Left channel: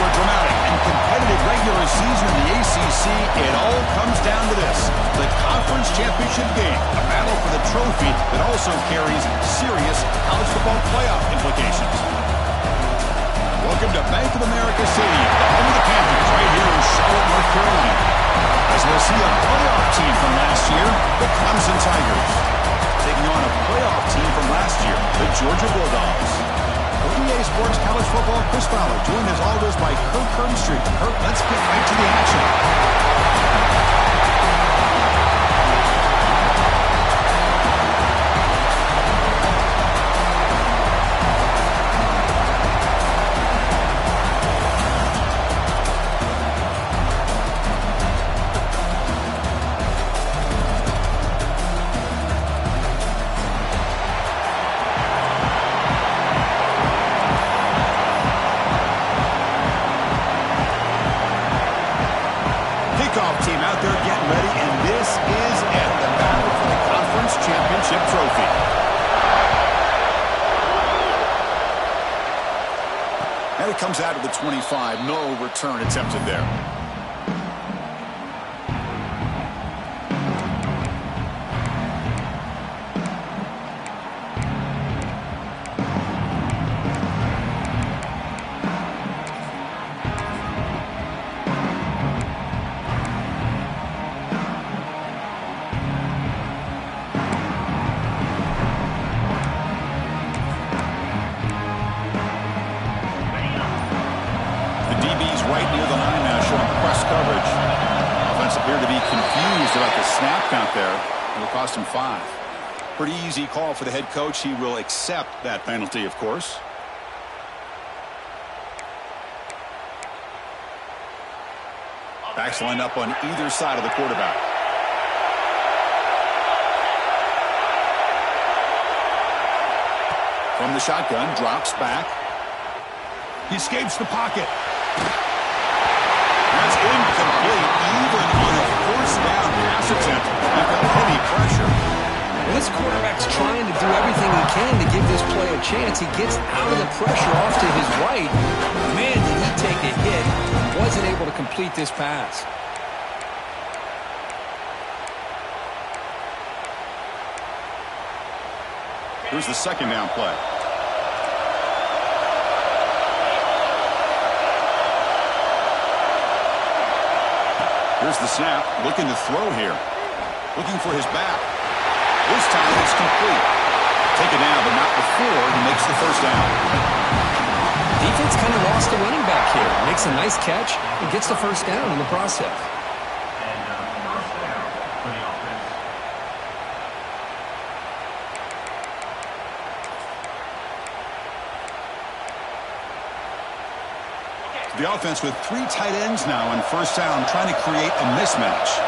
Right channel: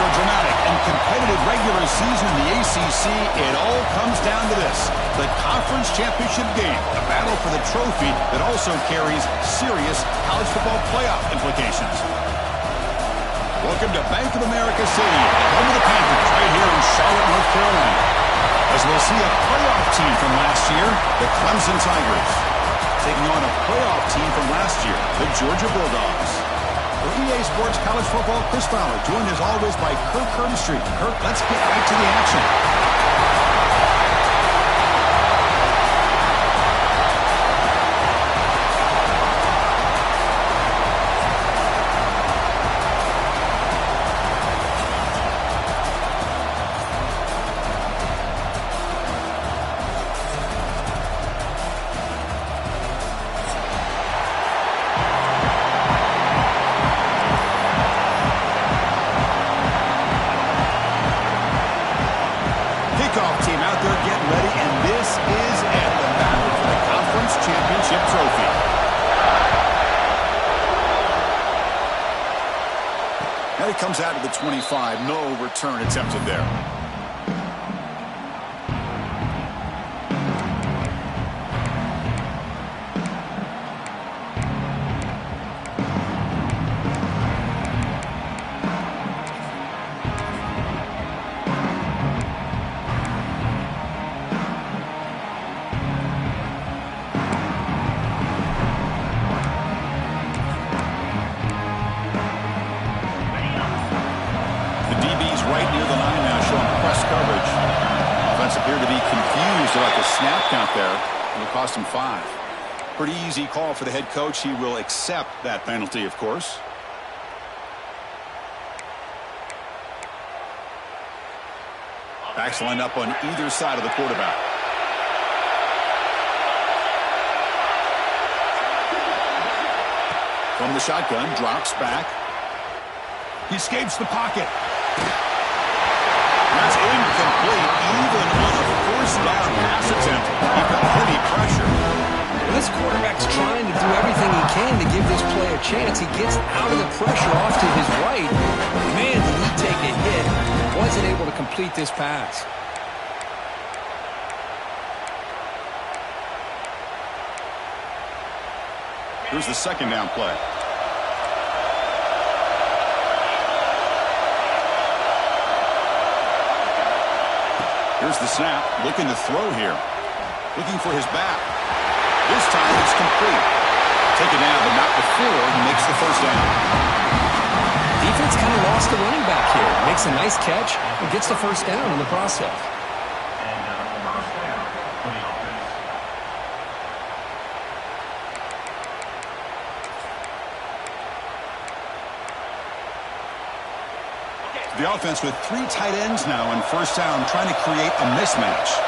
After a dramatic and competitive regular season in the ACC, it all comes down to this: the conference championship game, a battle for the trophy that also carries serious college football playoff implications. Welcome to Bank of America Stadium, the home of the Panthers, right here in Charlotte, North Carolina. As we'll see a playoff team from last year, the Clemson Tigers, taking on a playoff team from last year, the Georgia Bulldogs. For EA Sports College Football, Chris Fowler, joined as always by Kirk Herbstreit. Kirk, let's get right to the action. Kickoff team out there getting ready, and this is it, the battle for the conference championship trophy. And it comes out of the 25. No return attempted there. Right near the line now, showing press coverage. Offense appeared to be confused about the snap count there. It'll cost him 5. Pretty easy call for the head coach. He will accept that penalty, of course. Backs lined up on either side of the quarterback. From the shotgun, drops back. He escapes the pocket. That's incomplete, even on a first down pass attempt. He felt heavy pressure. Well, this quarterback's trying to do everything he can to give this play a chance. He gets out of the pressure off to his right. Man, did he take a hit. Wasn't able to complete this pass. Here's the second down play. Here's the snap, looking to throw here. Looking for his back. This time it's complete. Taken down, but not before he makes the first down. Defense kind of lost the running back here. Makes a nice catch and gets the first down in the process. First down for the offense. The offense with 3 tight ends now on first down, trying to create a mismatch.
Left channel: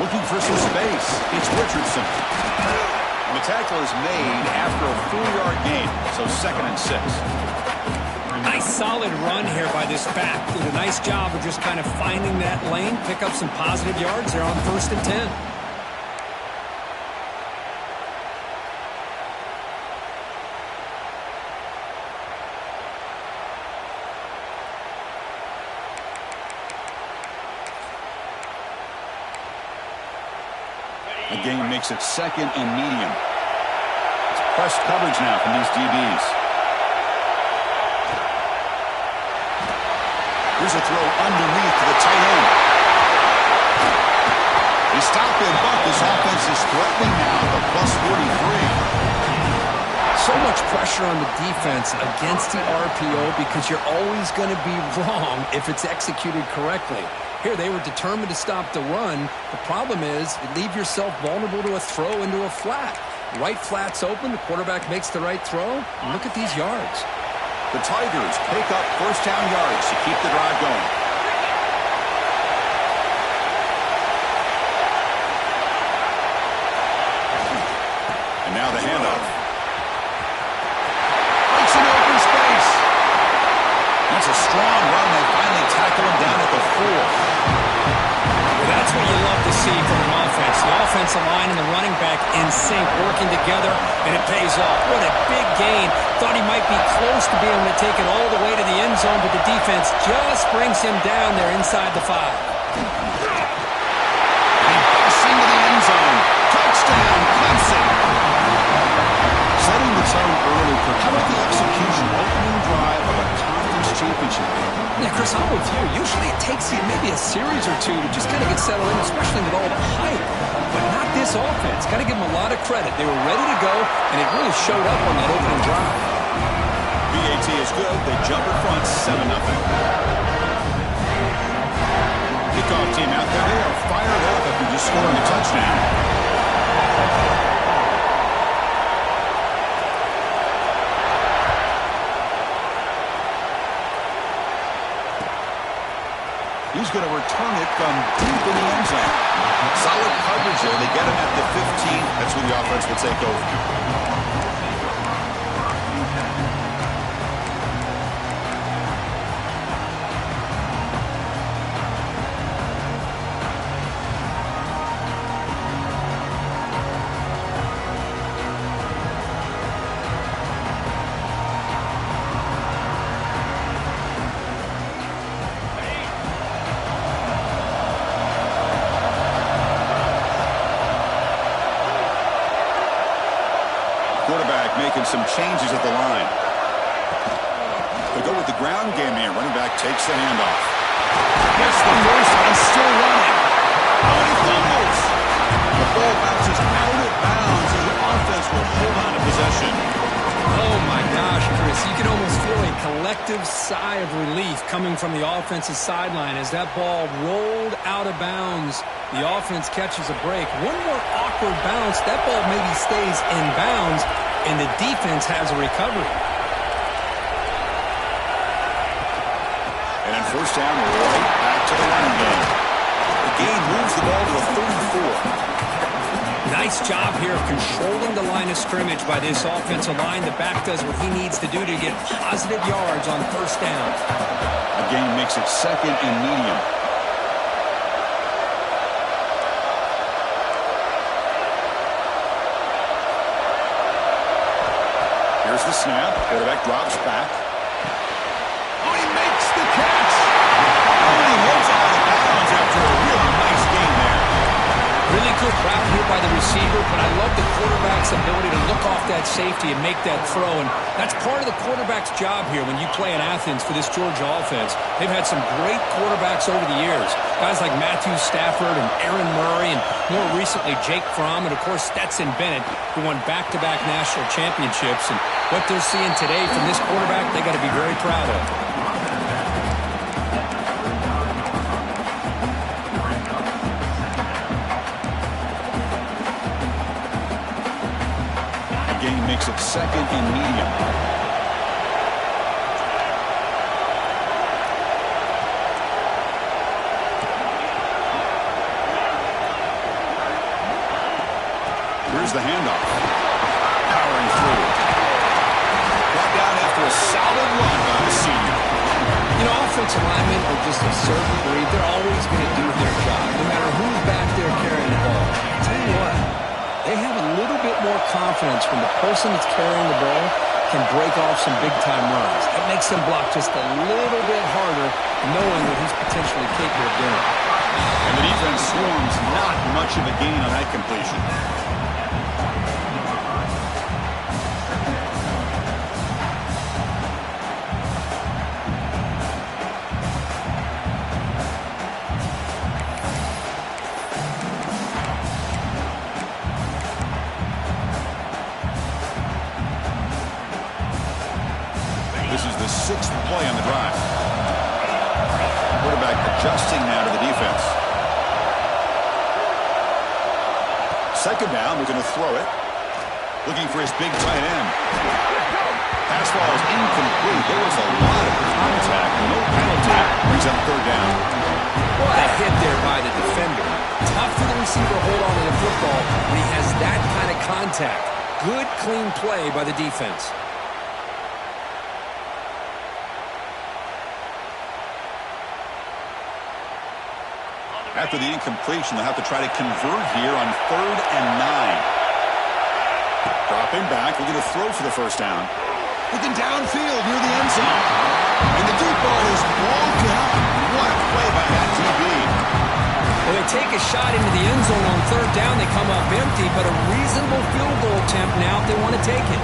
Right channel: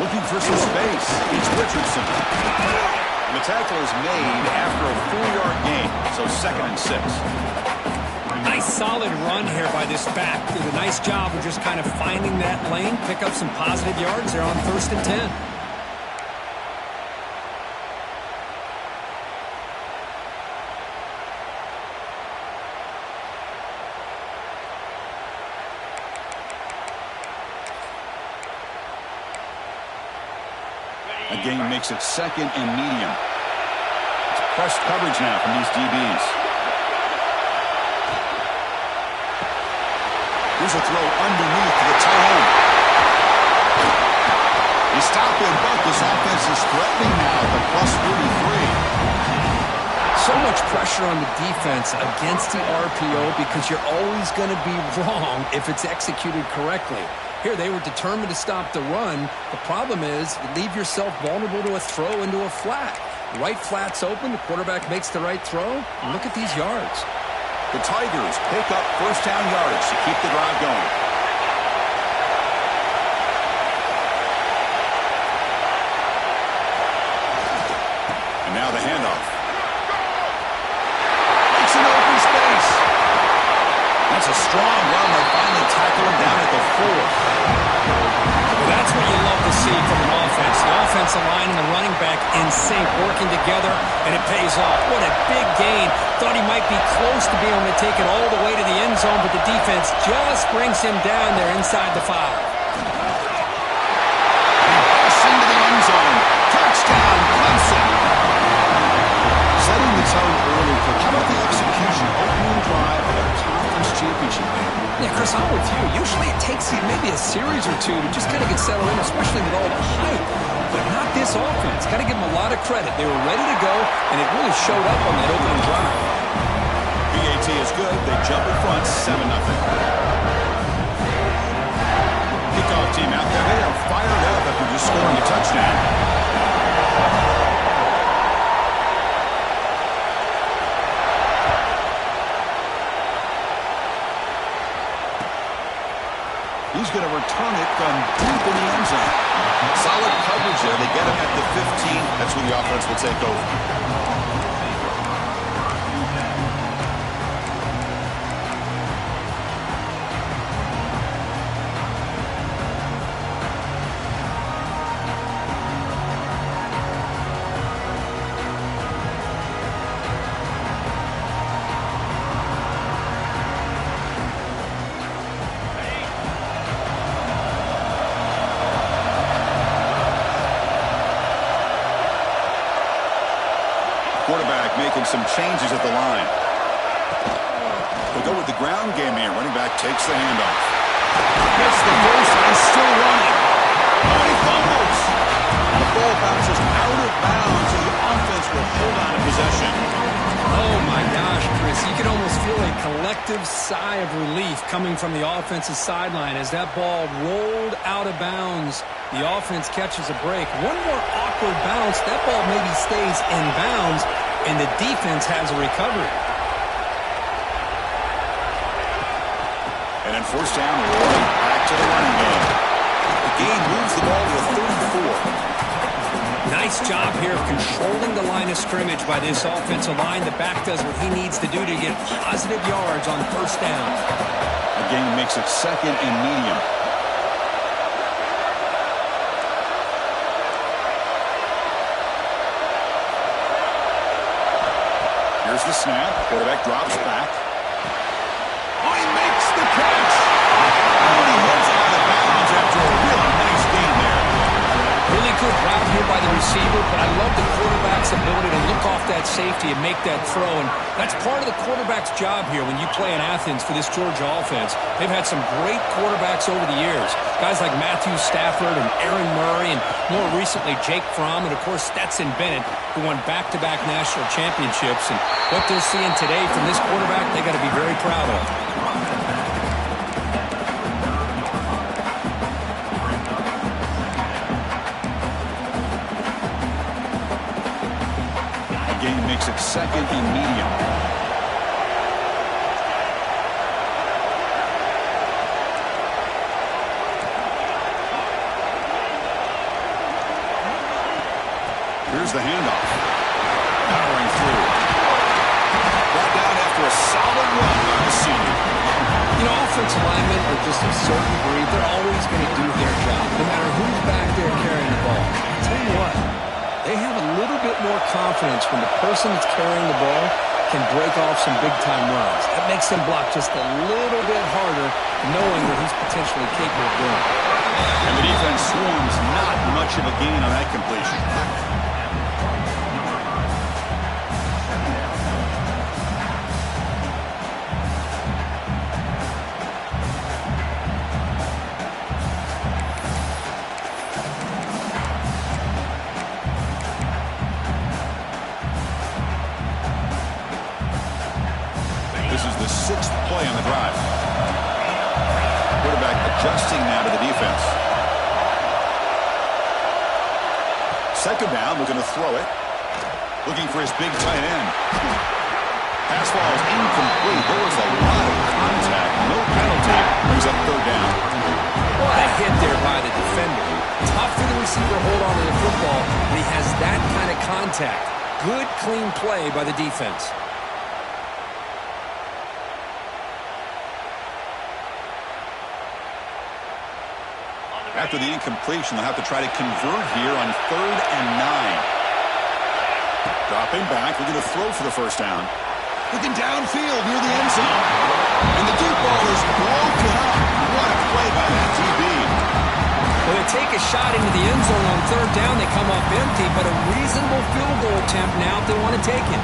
Looking for some space. It's Richardson. And the tackle is made after a 4-yard gain, so 2nd and 6. Nice solid run here by this back. Did a nice job of just kind of finding that lane, pick up some positive yards there on 1st and 10. A gain makes it 2nd and medium. It's pressed coverage now from these DBs. Here's a throw underneath to the tight end. They stop him, but this offense is threatening now at the +43. So much pressure on the defense against the RPO because you're always going to be wrong if it's executed correctly. Here, they were determined to stop the run. The problem is you leave yourself vulnerable to a throw into a flat. Right flat's open. The quarterback makes the right throw. And look at these yards. The Tigers pick up first down yards to keep the drive going. And now the handoff. Breaks an open space. That's a strong run. They finally tackle him down at the 4. Well, that's what you love to see from an offense. The offensive line and the running back in sync, working together, and it pays off. What a big gain. Thought he might be close to being able to take it all the way to the end zone, but the defense just brings him down there inside the 5. He busts into the end zone. Touchdown, Clemson. Setting the tone early, Kirk. How about the execution, opening drive of a conference championship game? Yeah, Chris, I'm with you. Usually it takes you maybe a series or two to just kind of get settled in, especially with all the hype. But not this offense. Got to give them a lot of credit. They were ready to go, and it really showed up on that opening drive. BAT is good. They jump in front, 7-0. Kickoff team out there. They are fired up after just scoring a touchdown. He's going to return it from deep in the end zone. Solid coverage there. They get him at the 15. That's where the offense will take over. Quarterback making some changes at the line. They go with the ground game here. Running back takes the handoff. Gets the first and still running. Oh, and he fumbles. The ball bounces out of bounds, and the offense will hold on to possession. Oh, my gosh, Chris. You can almost feel a collective sigh of relief coming from the offensive sideline as that ball rolled out of bounds. The offense catches a break. One more awkward bounce. That ball maybe stays in bounds, and the defense has a recovery. And then first down, right back to the running game. The gain moves the ball to a 34. Nice job here of controlling the line of scrimmage by this offensive line. The back does what he needs to do to get positive yards on first down. A gain makes it second and medium. Here's the snap. Quarterback drops back. Oh, he makes the catch. Oh, and he heads out of bounds after a really nice gain there. Really good route here by the receiver, but I love the quarterback's ability to look off that safety and make that throw. And that's part of the quarterback's job here when you play in Athens for this Georgia offense. They've had some great quarterbacks over the years. Guys like Matthew Stafford and Aaron Murray, and more recently Jake Fromm, and of course Stetson Bennett, who won back-to-back national championships. And what they're seeing today from this quarterback, they got to be very proud of. Gain makes it second and medium. Here's the handoff. Powering through. Brought down after a solid run by the senior. You know, offensive linemen are just a certain breed. They're always going to do their job, no matter who's back there carrying the ball. I'll tell you what. They have a little bit more confidence when the person that's carrying the ball can break off some big-time runs. That makes them block just a little bit harder, knowing what he's potentially capable of doing. And the defense swarms, not much of a gain on that completion. This is the sixth play on the drive. Quarterback adjusting now to the defense. Second down, looking to throw it. Looking for his big tight end. Pass ball is incomplete. There was a lot of contact. No penalty. Brings up third down. What a hit there by the defender. Tough for the receiver to hold on to the football when he has that kind of contact. Good, clean play by the defense. After the incompletion, they'll have to try to convert here on 3rd and 9. Dropping back, looking to throw for the first down. Looking downfield near the end zone. And the deep ball is broken up. What a play by that DB. Well, they take a shot into the end zone on 3rd down. They come up empty, but a reasonable field goal attempt now if they want to take it.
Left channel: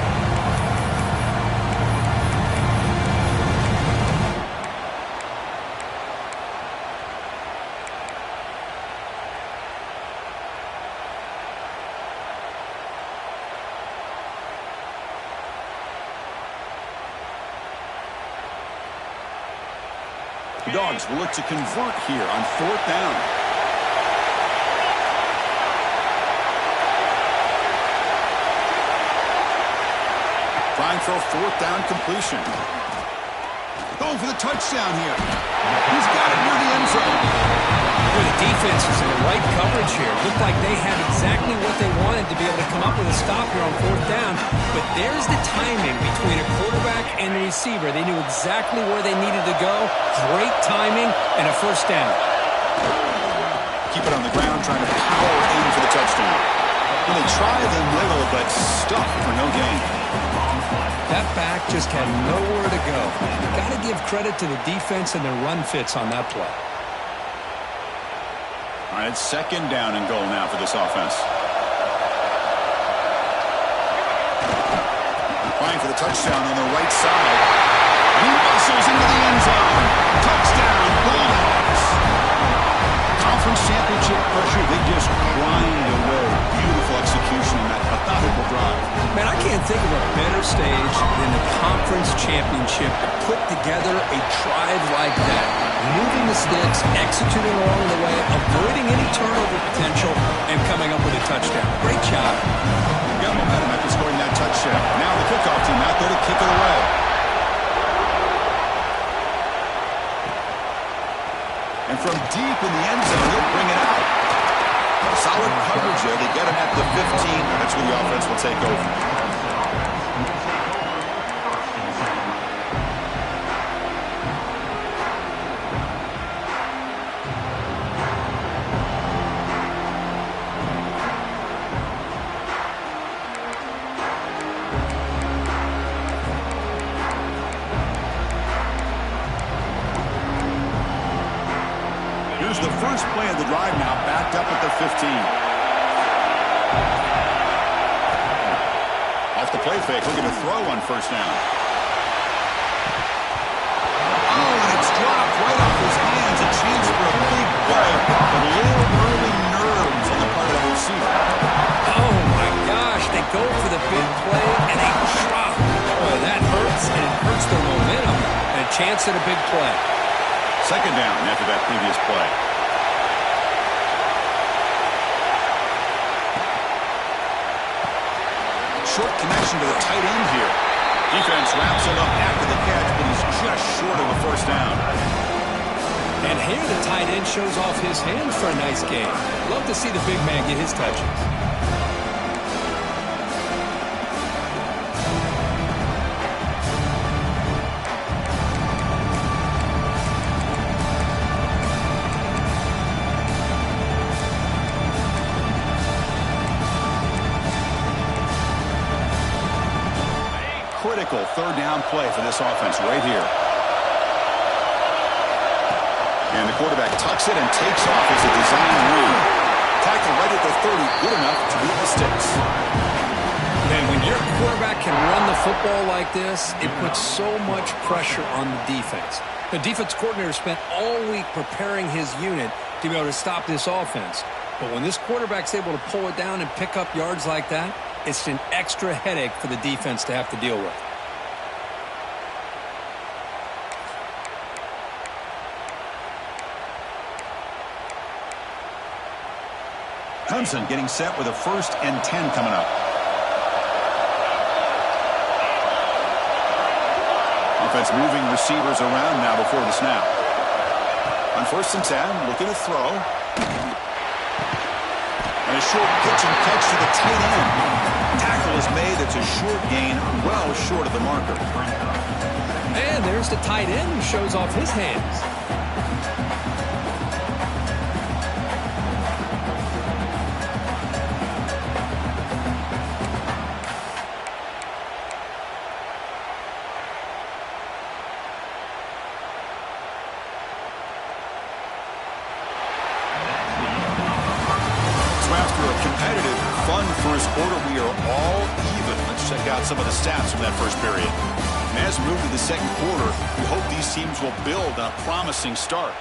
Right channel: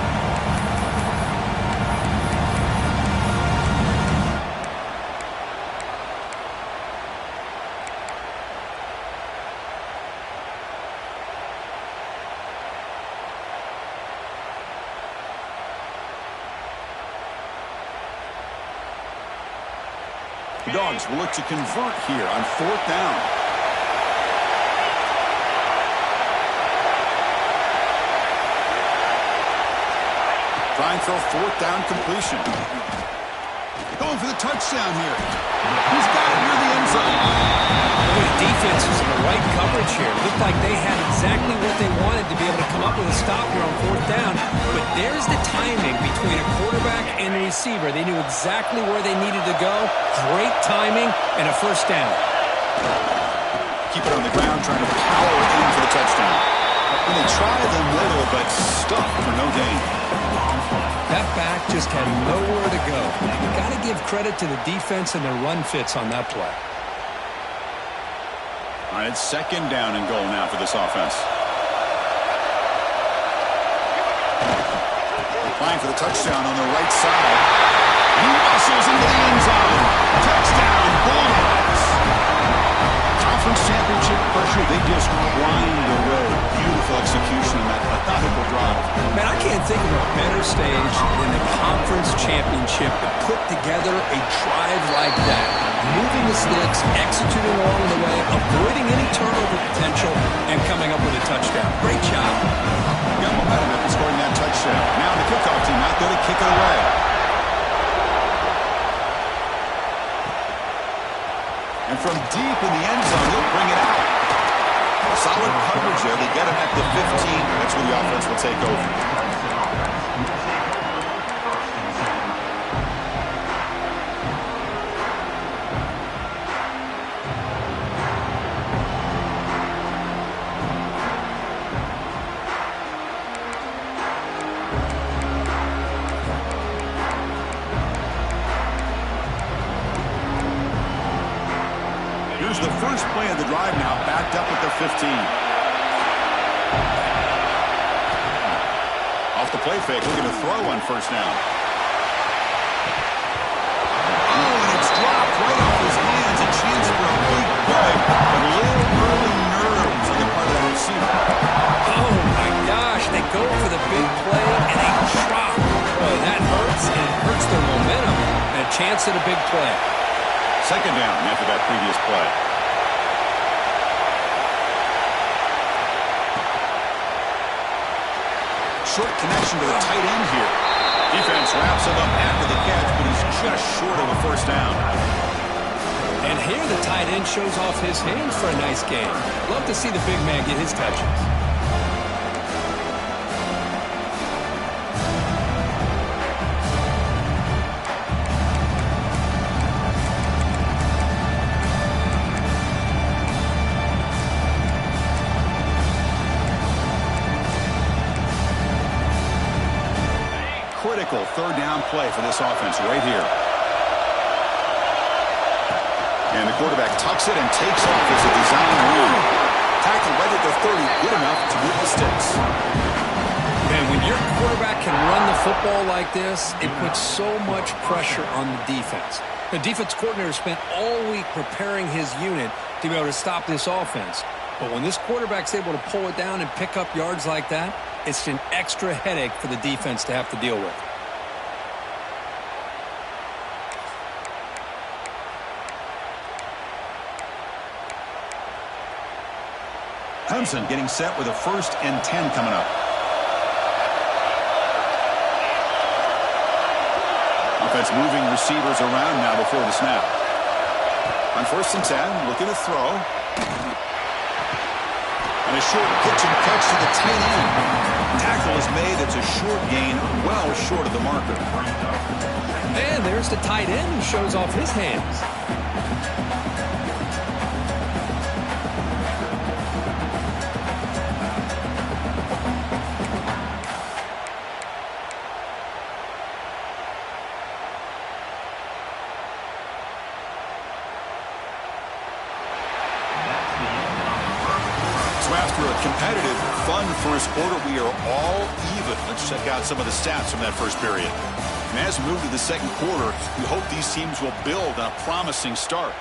The Dogs will look to convert here on 4th down. Trying for a 4th down completion. Going for the touchdown here. He's got it near the end zone. Boy, the defense is in the right coverage here. Looked like they had exactly what they wanted to be able to come up with a stop here on 4th down. But there's the timing between a quarterback and the receiver. They knew exactly where they needed to go. Great timing and a first down. Keep it on the ground, trying to power in for the touchdown. When they try them little, but stuff for no gain. That back just had nowhere to go. Got to give credit to the defense and their run fits on that play. All right, it's 2nd down and goal now for this offense. Applying for the touchdown on the right side. And he muscles into the end zone. Touchdown, Bulldogs. Conference championship pressure, they just grind away. Beautiful execution on that methodical drive. Man, I can't think of a better stage than the conference championship to put together a drive like that. Moving the sticks, executing along the way, avoiding any turnover potential, and coming up with a touchdown. Great job. Got momentum after scoring that touchdown. Now the kickoff team out there to kick it away. And from deep in the end zone, he'll bring it out. Solid coverage there. They get him at the 15. That's where the offense will take over. Here's the first play of the drive now, backed up at the 15. Off the play fake, looking to throw on 1st down. Oh, and it's dropped right off his hands. A chance for a big play, but a little early nerves on the part of that receiver. Oh, my gosh. They go for the big play, and they drop. Boy, that hurts, and it hurts their momentum, and a chance at a big play. 2nd down after that previous play. Short connection to the tight end here. Defense wraps him up after the catch, but he's just short of a 1st down. And here the tight end shows off his hands for a nice game. Love to see the big man get his touches. Critical 3rd down play for this offense right here. And the quarterback tucks it and takes off as a design run. Tackle right at the 30, good enough to beat the sticks. Man, when your quarterback can run the football like this, it puts so much pressure on the defense. The defense coordinator spent all week preparing his unit to be able to stop this offense. But when this quarterback's able to pull it down and pick up yards like that, it's an extra headache for the defense to have to deal with. Clemson getting set with a 1st and 10 coming up. Offense moving receivers around now before the snap. On 1st and 10, looking to throw. And a short pitch and catch to the tight end. Tackle is made. It's a short gain, well short of the marker. And there's the tight end who shows off his hands. So after a competitive, fun first quarter, we are all even. Let's check out some of the stats from that first period. And as we move to the second quarter, we hope these teams will build on a promising start.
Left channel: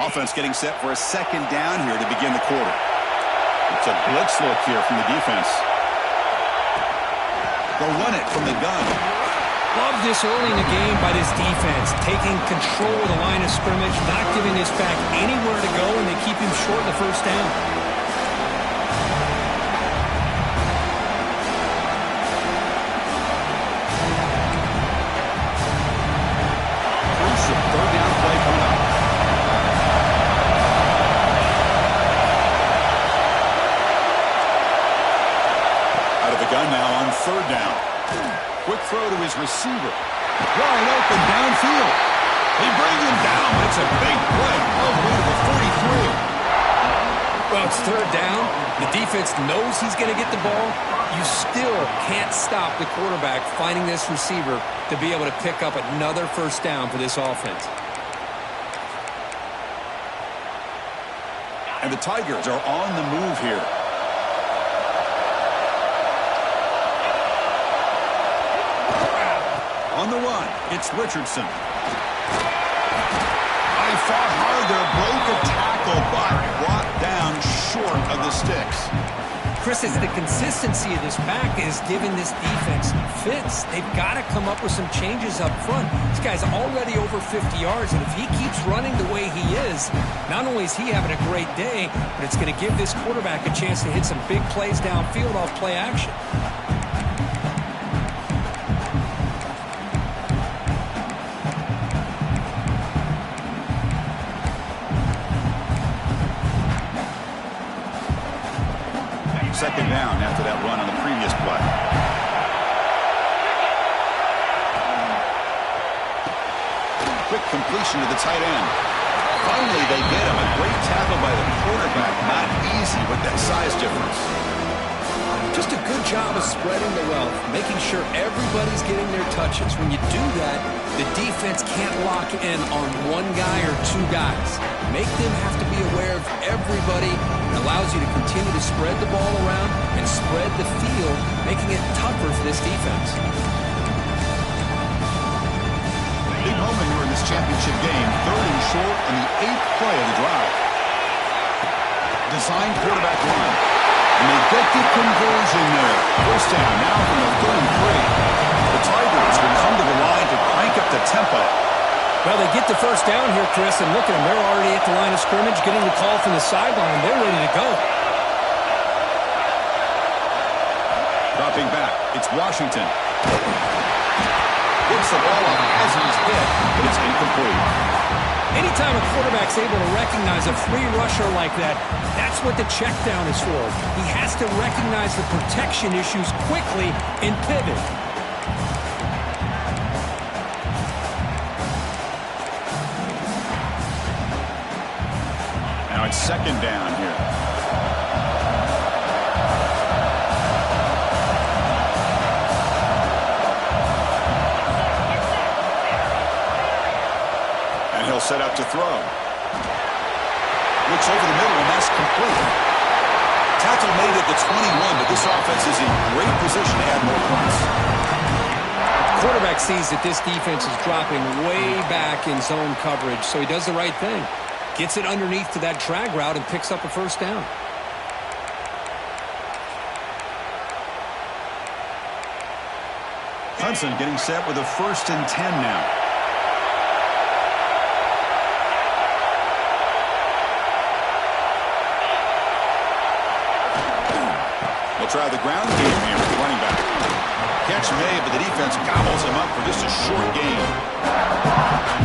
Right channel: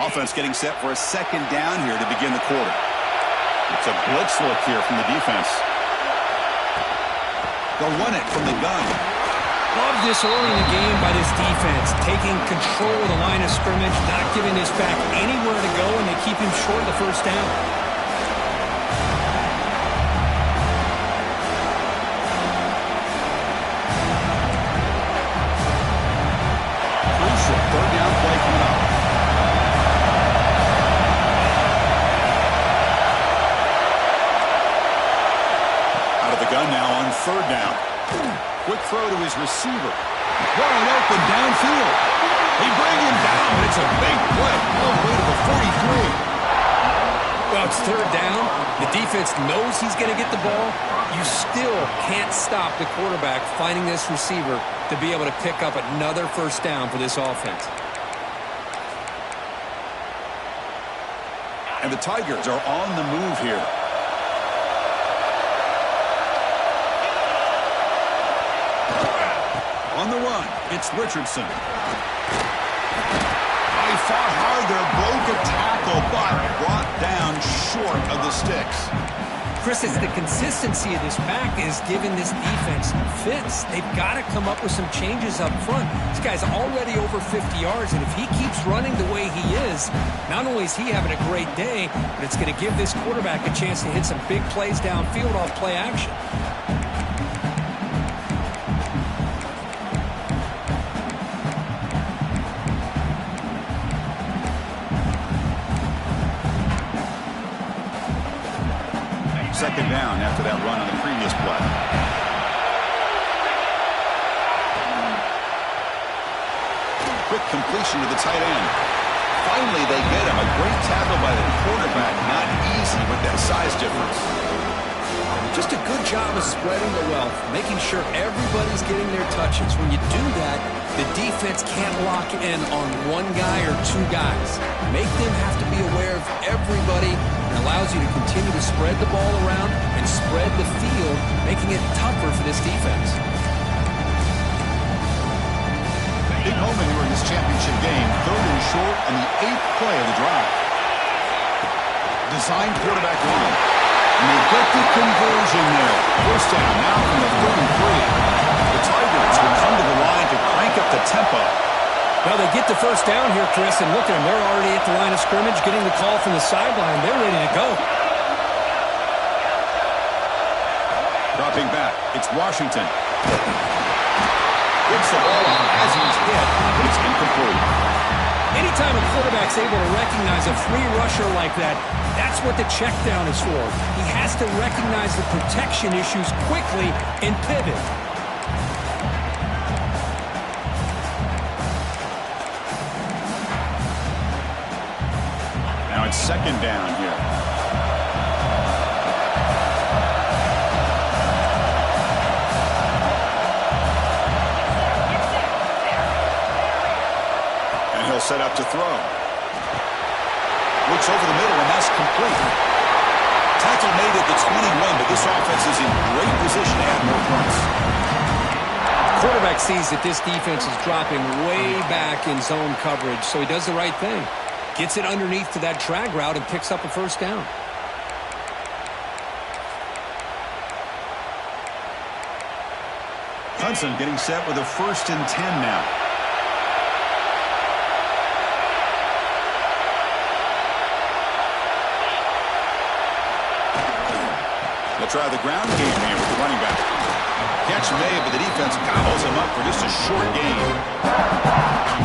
Offense getting set for a second down here to begin the quarter. It's a blitz look here from the defense. They'll run it from the gun. Love this early in the game by this defense, taking control of the line of scrimmage, not giving this back anywhere to go, and they keep him short of the first down. Crucial third down play coming up. Out of the gun now on third down. Quick throw to his receiver. Wide open downfield. They bring him down, but it's a big play all the way to the 43. Well, it's third down. The defense knows he's going to get the ball. You still can't stop the quarterback finding this receiver to be able to pick up another first down for this offense. And the Tigers are on the move here. On the run, it's Richardson. He fought hard there, broke a tackle, but brought down short of the sticks. Chris, it's the consistency of this pack is giving this defense fits. They've got to come up with some changes up front. This guy's already over 50 yards, and if he keeps running the way he is, not only is he having a great day, but it's going to give this quarterback a chance to hit some big plays downfield off play action. Second down after that run on the previous play. Quick completion to the tight end. Finally, they get him. A great tackle by the quarterback. Not easy with that size difference. Just a good job of spreading the wealth, making sure everybody's getting their touches. When you do that, the defense can't lock in on one guy or two guys. Make them have to be aware of everybody. It allows you to continue to spread the ball around and spread the field, making it tougher for this defense. Big moment here in this championship game. Third and short on the 8th play of the drive. Designed quarterback run. And they get the conversion there. First down now from the 33. The Tigers will come to the line to crank up the tempo. Well, they get the first down here, Chris, and look at them. They're already at the line of scrimmage, getting the call from the sideline. They're ready to go. Dropping back, it's Washington. Gets the ball up as he's hit, but it's incomplete. Anytime a quarterback's able to recognize a free rusher like that, that's what the check down is for. He has to recognize the protection issues quickly and pivot. Now it's second down here. And he'll set up to throw. Looks over the middle, and that's complete. Tackle made at the 21, but this offense is in great position to add more points. Quarterback sees that this defense is dropping way back in zone coverage, so he does the right thing. Gets it underneath to that drag route and picks up a first down. Hudson getting set with a 1st and 10 now. They'll try the ground game here with the running back. Catch made, but the defense gobbles him up for just a short gain.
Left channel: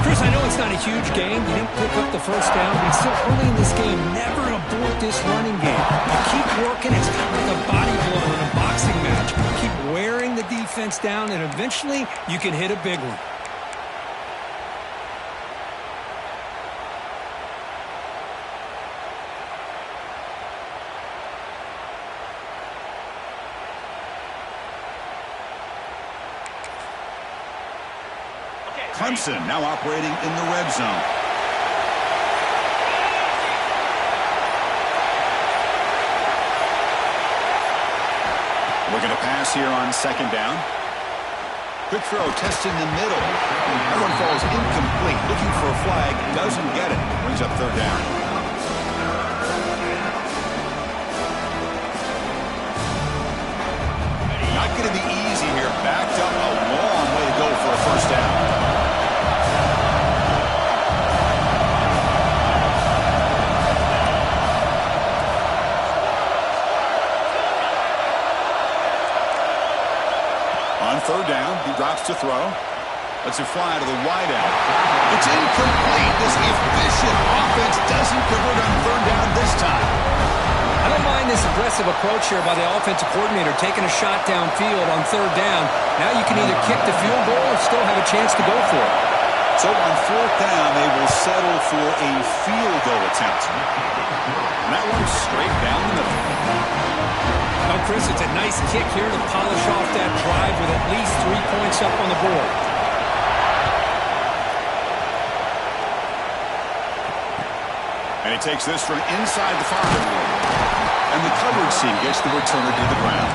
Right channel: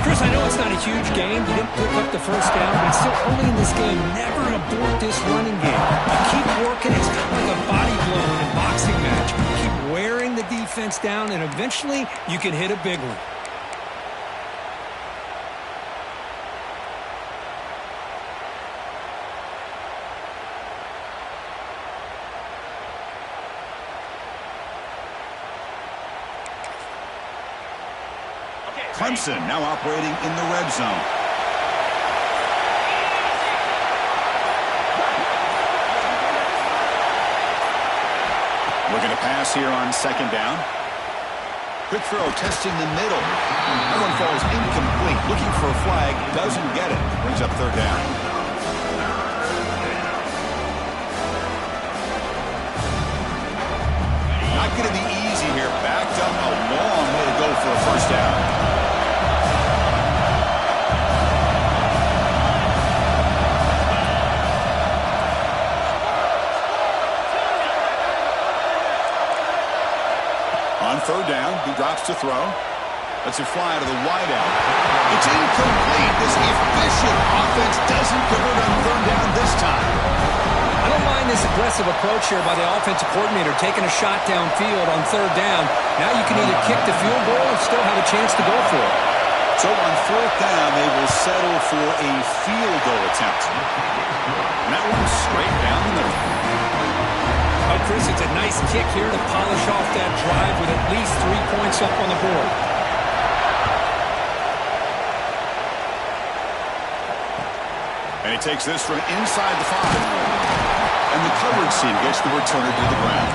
Chris, I know it's not a huge game. You didn't pick up the first down, but it's still early in this game. Never abort this running game. You keep working. It's kind of like a body blow in a boxing match. Keep wearing the defense down, and eventually you can hit a big one. Clemson now operating in the red zone. Looking to pass here on second down. Quick throw testing the middle. That one falls incomplete. Looking for a flag. Doesn't get it. Brings up third down. Not going to be easy here. Backed up a long way to go for a first down. On third down, he drops to throw. Lets it fly to the wideout. It's incomplete. This efficient offense doesn't convert on third down this time. I don't mind this aggressive approach here by the offensive coordinator, taking a shot downfield on third down. Now you can either kick the field goal or still have a chance to go for it. So on fourth down, they will settle for a field goal attempt. And that one's straight down the middle. Oh, Chris, it's a nice kick here to polish off that drive with at least 3 points up on the board. And he takes this from inside the 5. And the coverage team gets the returner to the ground.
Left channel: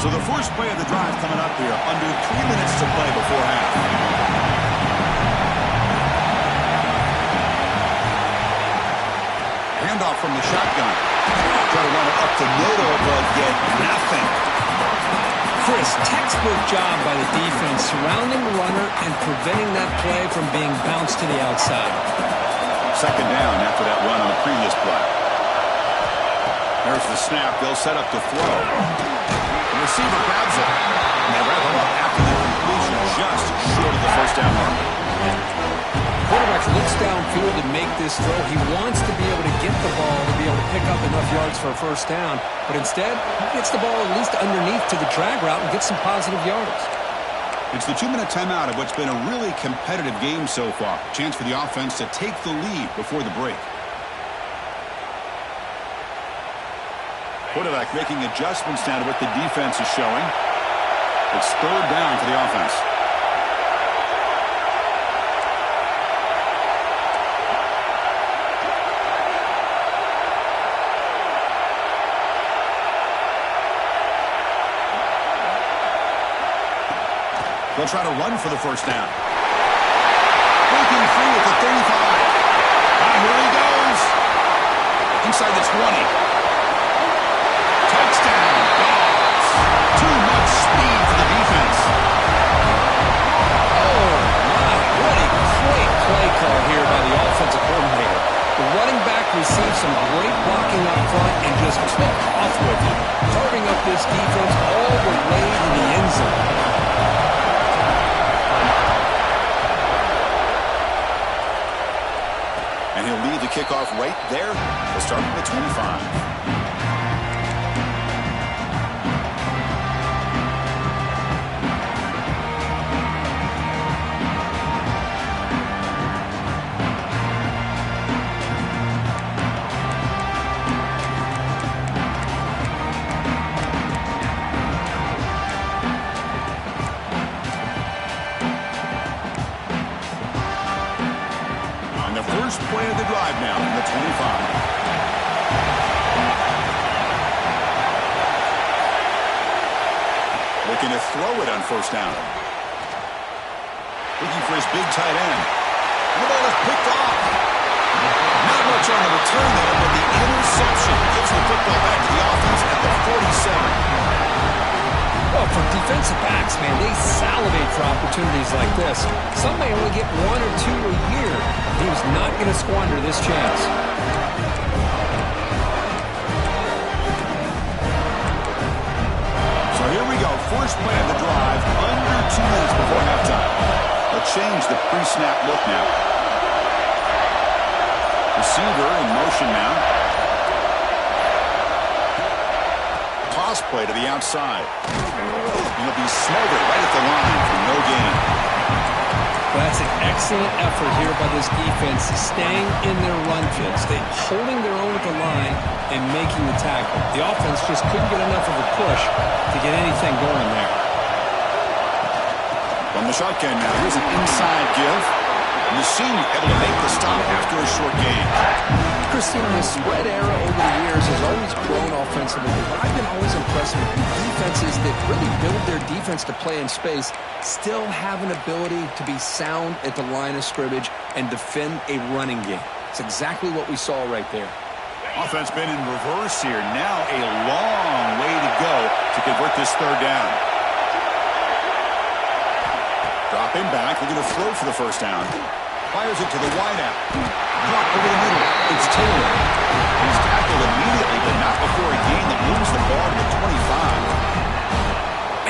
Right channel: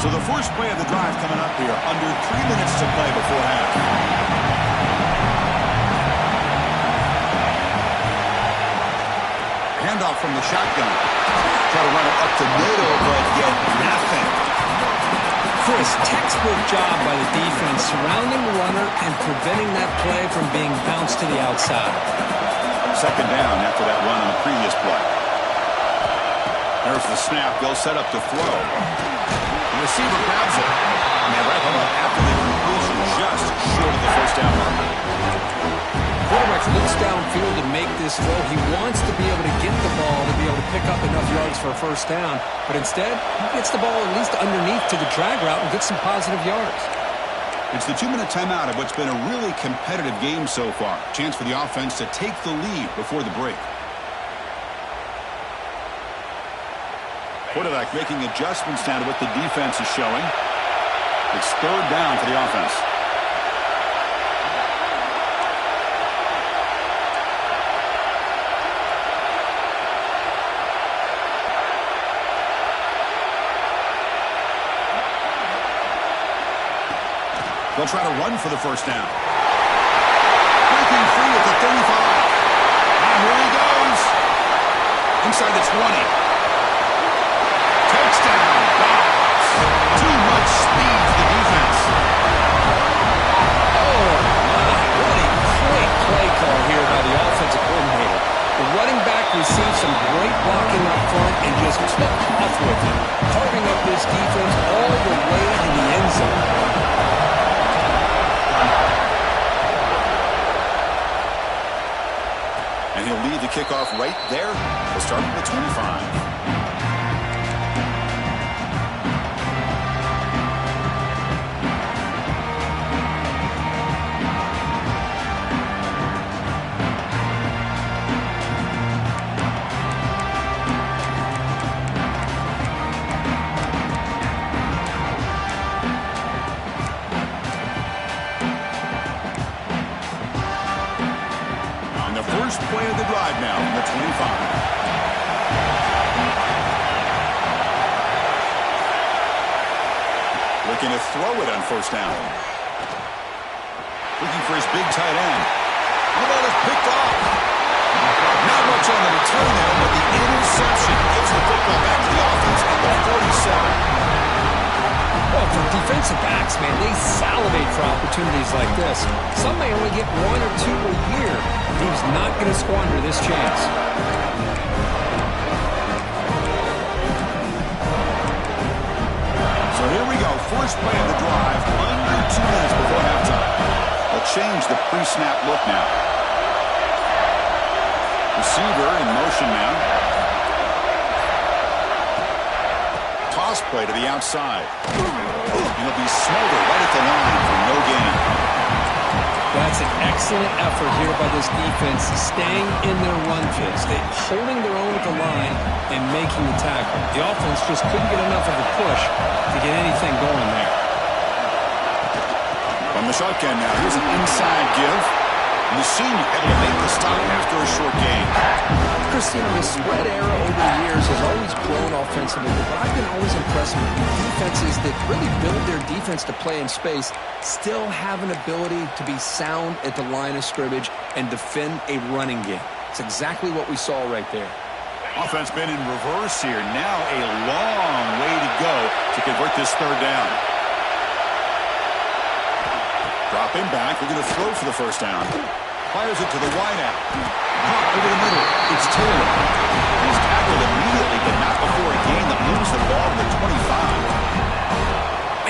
So the first play of the drive coming up here, under 3 minutes to play before half. Handoff from the shotgun. Try to run it up the middle, but get nothing. Chris, textbook job by the defense, surrounding the runner and preventing that play from being bounced to the outside. Second down after that run on the previous play. There's the snap. They'll set up to throw. The receiver grabs it. And they wrap him up after the completion, just short of the first down marker. Quarterback looks downfield to make this throw. He wants to be able to get the ball to be able to pick up enough yards for a first down. But instead, he gets the ball at least underneath to the drag route and gets some positive yards. It's the 2-minute timeout of what's been a really competitive game so far. Chance for the offense to take the lead before the break. Quarterback making adjustments now to what the defense is showing. It's third down for the offense. They'll try to run for the first down. Breaking free at the 35. Here he goes. Inside the 20. Touchdown, Dogs. Too much speed for the defense. Oh, my. What a great play call here by the offensive coordinator. The running back received some great blocking up front and just took off with it, carving up this defense all the way to the end zone. And he'll lead the kickoff right there. He'll start at the 25. First play of the drive now from the 25. Looking to throw it on first down. Looking for his big tight end. And the ball is picked off. Not much on the return there, but the interception gives the football back to the offense at the 47. Well, for defensive backs, man, they salivate for opportunities like this. Some may only get 1 or 2 a year. He was not going to squander this chance. So here we go. First play of the drive, under 2 minutes before halftime. They'll change the pre-snap look now. Receiver in motion now. Toss play to the outside. And he'll be smothered right at the line for no gain. Well, that's an excellent effort here by this defense, staying in their run fits. They holding their own at the line and making the tackle. The offense just couldn't get enough of a push to get anything going there. From the shotgun now, here's an inside give. And the senior able to make the stop after a short gain. Christine, the spread era over the years has always grown offensively, but I've been always impressed with defenses that really build their defense to play in space, still have an ability to be sound at the line of scrimmage and defend a running game. It's exactly what we saw right there. Offense been in reverse here. Now a long way to go to convert this third down. Dropping back, looking to throw for the first down. Fires it to the wideout. Caught over the middle. It's Taylor. He's tackled immediately, but not before a gain that moves the ball to the 25.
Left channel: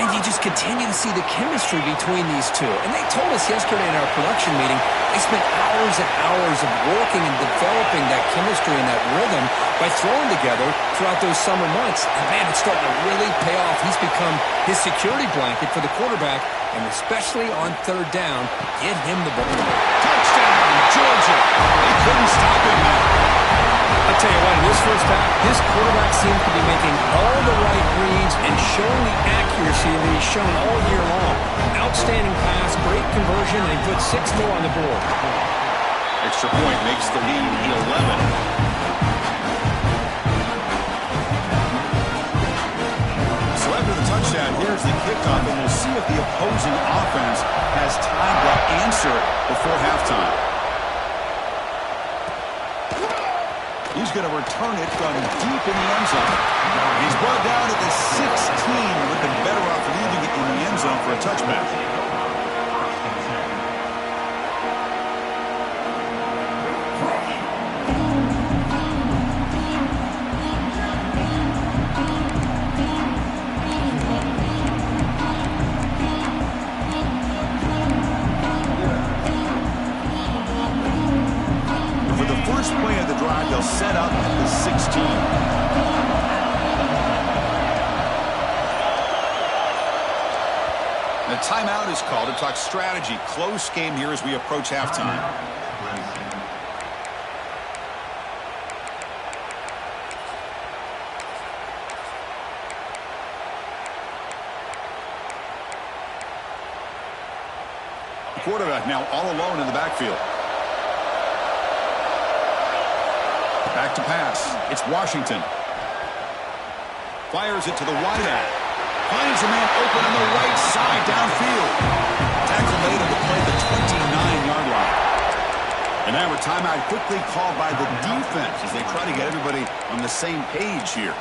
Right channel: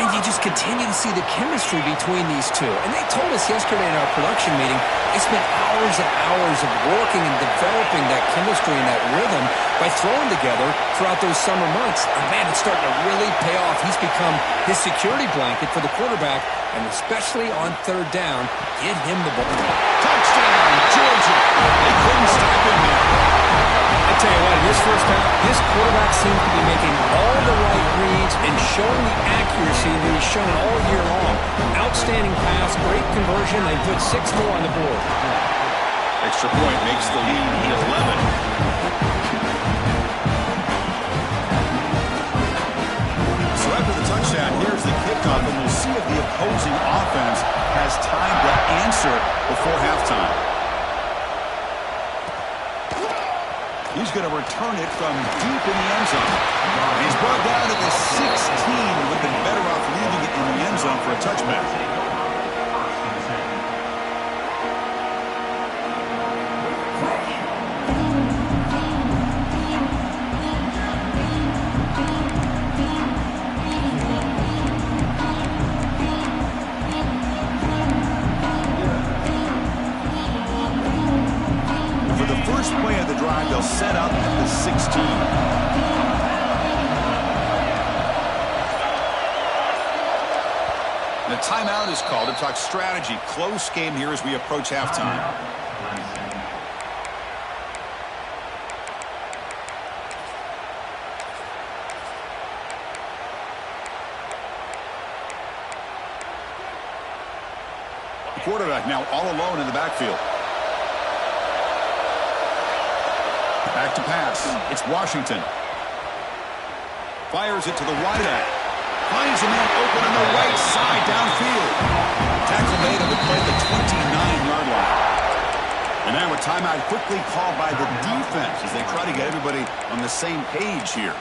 And you just continue to see the chemistry between these two. And they told us yesterday in our production meeting, they spent hours and hours of working and developing that chemistry and that rhythm by throwing together throughout those summer months. And man, it's starting to really pay off. He's become his security blanket for the quarterback, and especially on third down, get him the ball. Touchdown, Georgia. They couldn't stop him now. I'll tell you what, in this first half, this quarterback seems to be making all the right reads and showing the accuracy that he's shown all year long. Outstanding pass, great conversion. They put 6 more on the board. Extra point makes the lead 11. So after the touchdown, here's the kickoff, and we'll see if the opposing offense has time to answer before halftime. He's going to return it from deep in the end zone. He's brought down at the 16, with the better off leaving it in the end zone for a touchback. First play of the drive, they'll set up at the 16. The timeout is called to talk strategy. Close game here as we approach halftime. The quarterback now all alone in the backfield. Back to pass. It's Washington. Fires it to the wideout. Finds a man open on the right side downfield. Tackle made on the play at the 29-yard line. And now a timeout quickly called by the defense as they try to get everybody on the same page here.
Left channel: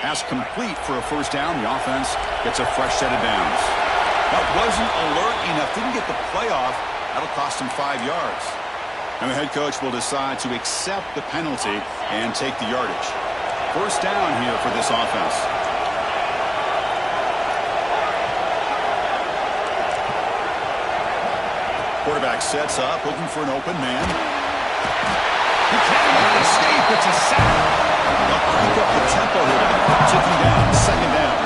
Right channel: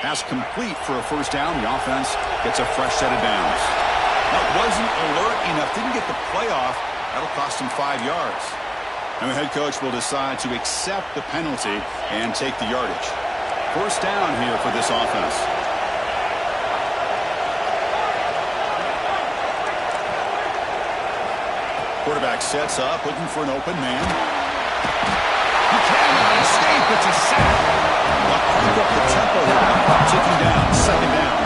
Pass complete for a first down. The offense gets a fresh set of downs. That wasn't alert enough. Didn't get the play off. That'll cost him 5 yards. And the head coach will decide to accept the penalty and take the yardage. First down here for this offense. Quarterback sets up, looking for an open man. He cannot escape. It's a sack. They'll crank up the tempo here with the clock ticking down. Second down.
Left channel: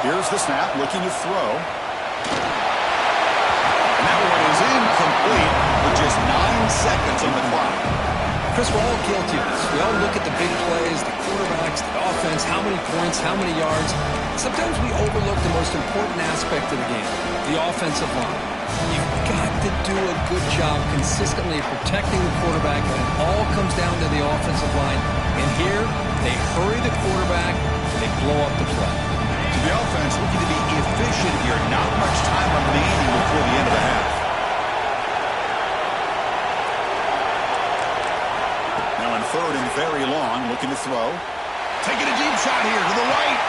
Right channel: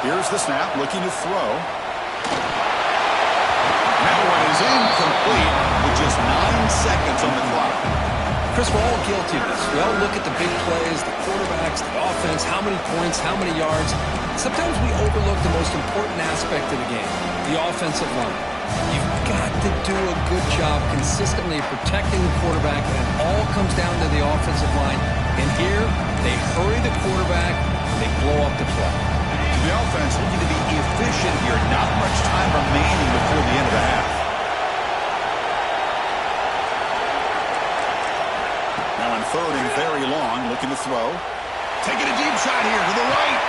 Here's the snap, looking to throw. And that one is incomplete with just 9 seconds on the clock. Chris, we're all guilty of this. We all look at the big plays, the quarterbacks, the offense, how many points, how many yards. Sometimes we overlook the most important aspect of the game, the offensive line. You've got to do a good job consistently protecting the quarterback, and it all comes down to the offensive line. And here, they hurry the quarterback, and they blow up the play. To the offense, looking to be efficient here. Not much time remaining before the end of the half. Now in third and very long, looking to throw. Taking a deep shot here to the right.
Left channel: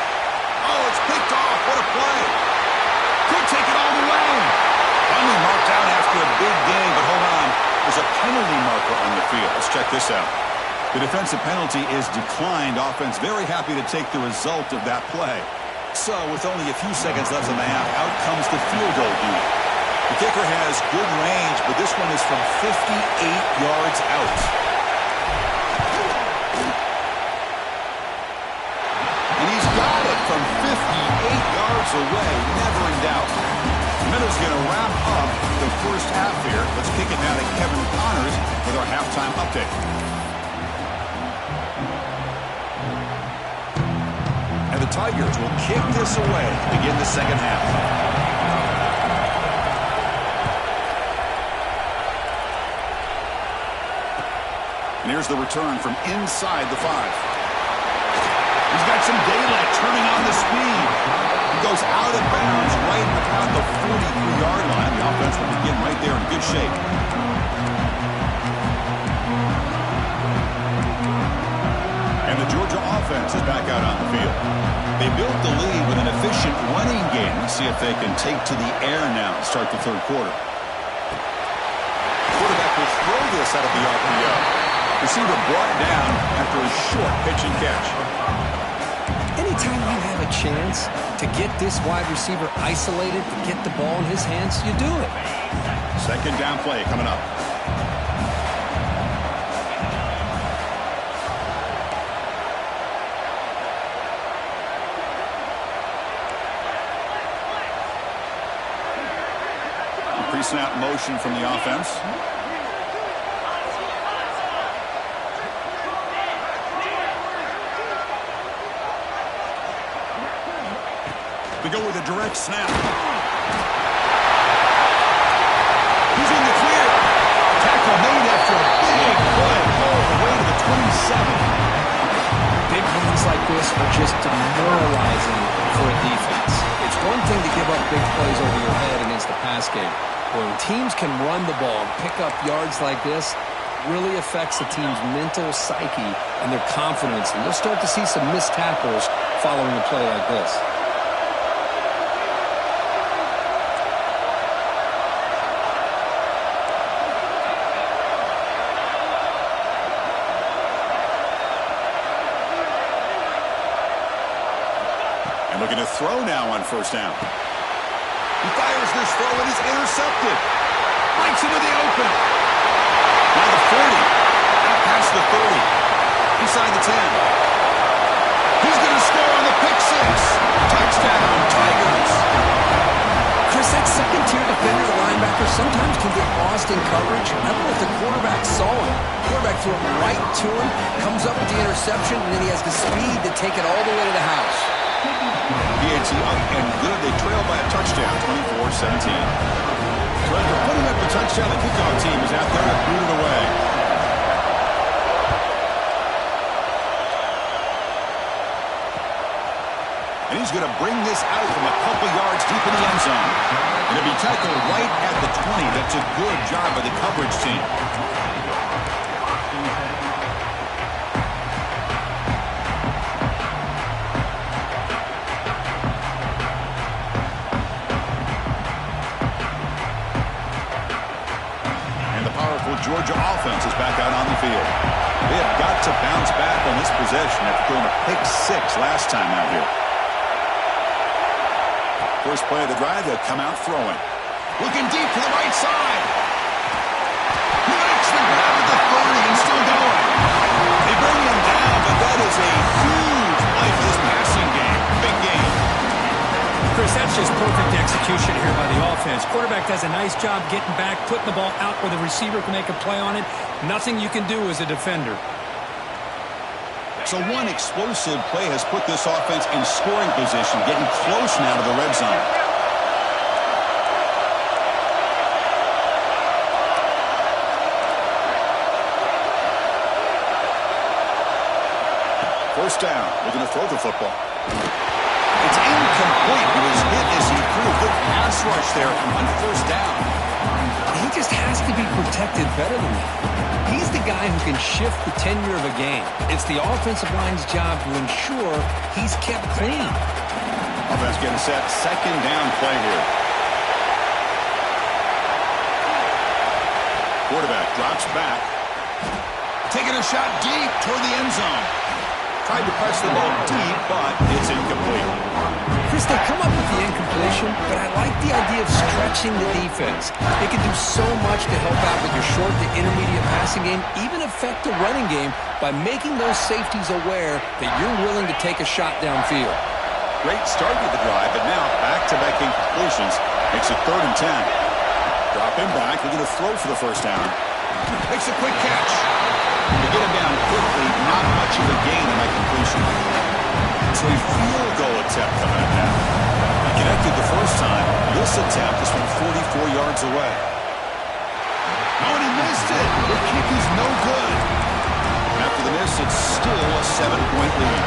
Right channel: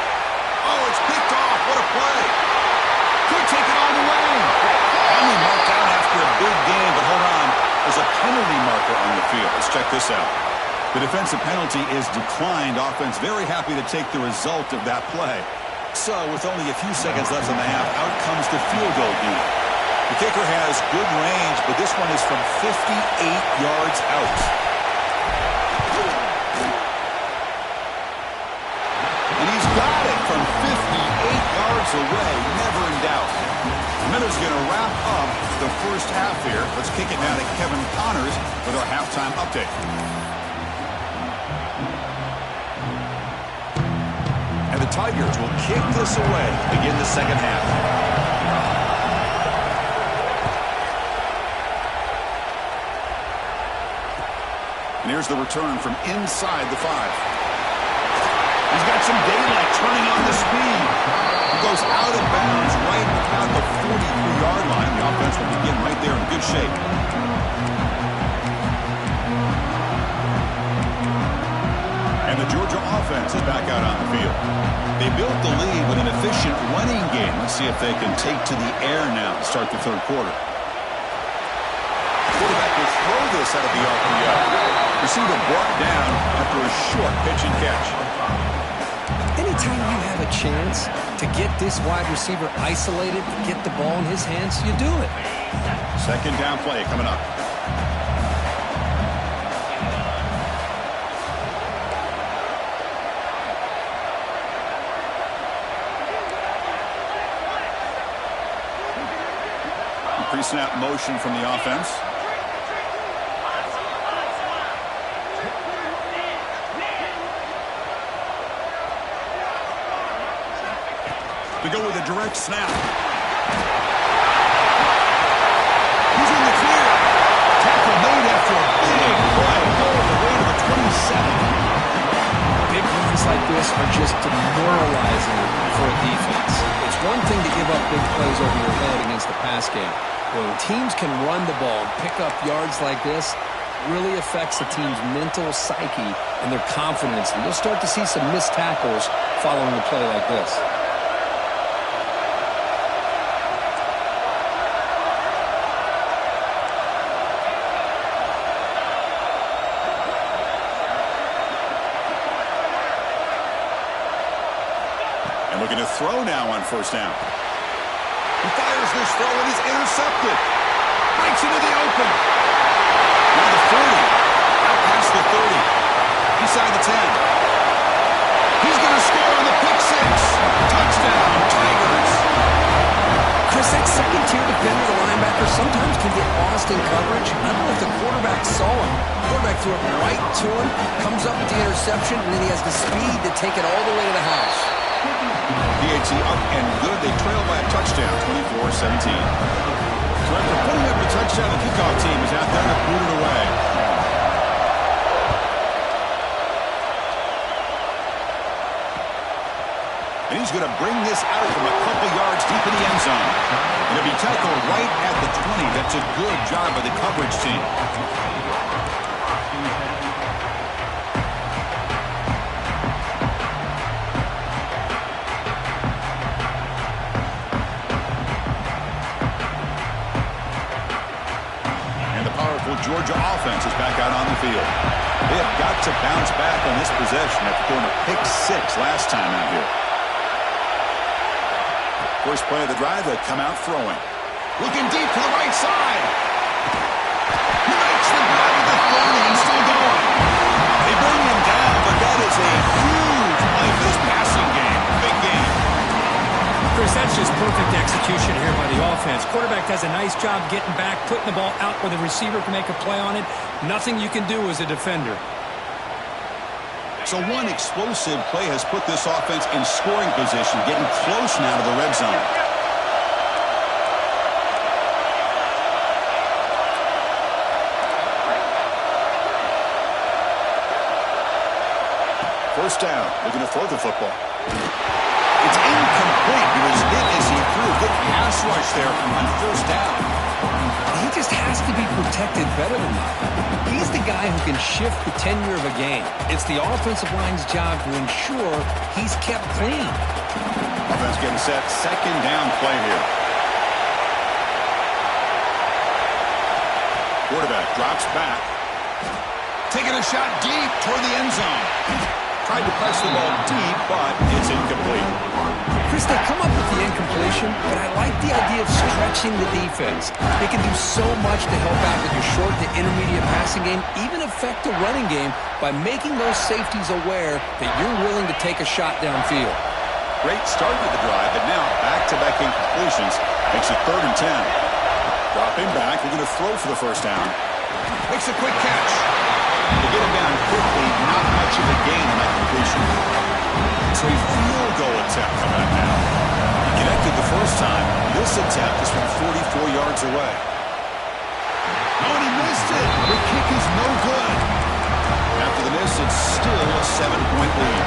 Oh, it's picked off. What a play. Could take it all the way. Finally marked out after a big game, but hold on. There's a penalty marker on the field. Let's check this out. The defensive penalty is declined. Offense very happy to take the result of that play. So with only a few seconds left in the half, out comes the field goal unit. The kicker has good range, but this one is from 58 yards out. And he's got it from 58 yards away, never in doubt. The Miller's going to wrap up the first half here. Let's kick it now to Kevin Connors with our halftime update. And the Tigers will kick this away to begin the second half. And here's the return from inside the 5. He's got some daylight turning on the speed. He goes out of bounds right about the 43-yard line. The offense will begin right there in good shape. And the Georgia offense is back out on the field. They built the lead with an efficient running game. Let's see if they can take to the air now to start the third quarter. Quarterback will throw this out of the RPO. Receiver brought down after a short pitch and catch. Anytime you have a chance to get this wide receiver isolated, to get the ball in his hands, you do it. Second down play coming up. Pre-snap motion from the offense. To go with a direct snap. He's in the clear. Tackle made after a big play all the way to the 27. Big runs like this are just demoralizing for a defense. It's one thing to give up big plays over your head against the pass game. When teams can run the ball and pick up yards like this, it really affects the team's mental psyche and their confidence. And you'll start to see some missed tackles following a play like this. And looking to throw now on first down. He fires this throw and is intercepted. Breaks into the open. Now the 40. Out past the 30. Inside the 10. He's going to score on the pick six. Touchdown, Tigers. Chris, that second-tier defender, the linebacker, sometimes can get lost in coverage. I don't know if the quarterback saw him. The quarterback threw it right to him, comes up with the interception, and then he has the speed to take it all the way to the house. PAT up and good. They trail by a touchdown, 24-17. So after putting up a touchdown, the kickoff team is out there to boot it away. And he's going to bring this out from a couple yards deep in the end zone. And it'll be tackled right at the 20. That's a good job by the coverage team. Georgia offense is back out on the field. They have got to bounce back on this possession after throwing a pick six last time out here. First play of the drive, they come out throwing. Looking deep to the right side. He makes the grab at the 30 and still going. They bring him down, but that is a huge play for this passing game. Big game. Chris, that's just perfect execution here by the offense. Quarterback does a nice job getting back, putting the ball out where the receiver can make a play on it. Nothing you can do as a defender. So one explosive play has put this offense in scoring position, getting close now to the red zone. First down, looking to throw the football. It's incomplete. He was hit as he threw. Good pass rush there on first down. He just has to be protected better than that. He's the guy who can shift the tenure of a game. It's the offensive line's job to ensure he's kept clean. Offense getting set. Second down play here. Quarterback drops back. Taking a shot deep toward the end zone. Tried to press the ball deep, but it's incomplete. Chris, they come up with the incompletion, but I like the idea of stretching the defense. They can do so much to help out with your short to intermediate passing game, even affect the running game by making those safeties aware that you're willing to take a shot downfield. Great start to the drive, but now back-to-back incompletions makes it 3rd and 10. Dropping back, they're going to throw for the first down. Makes a quick catch. To get him down quickly, not much of a gain on that completion. So a field goal attempt coming up now. He connected the first time. This attempt is from 44 yards away. Oh, and he missed it. The kick is no good. After the miss, it's still a 7-point lead.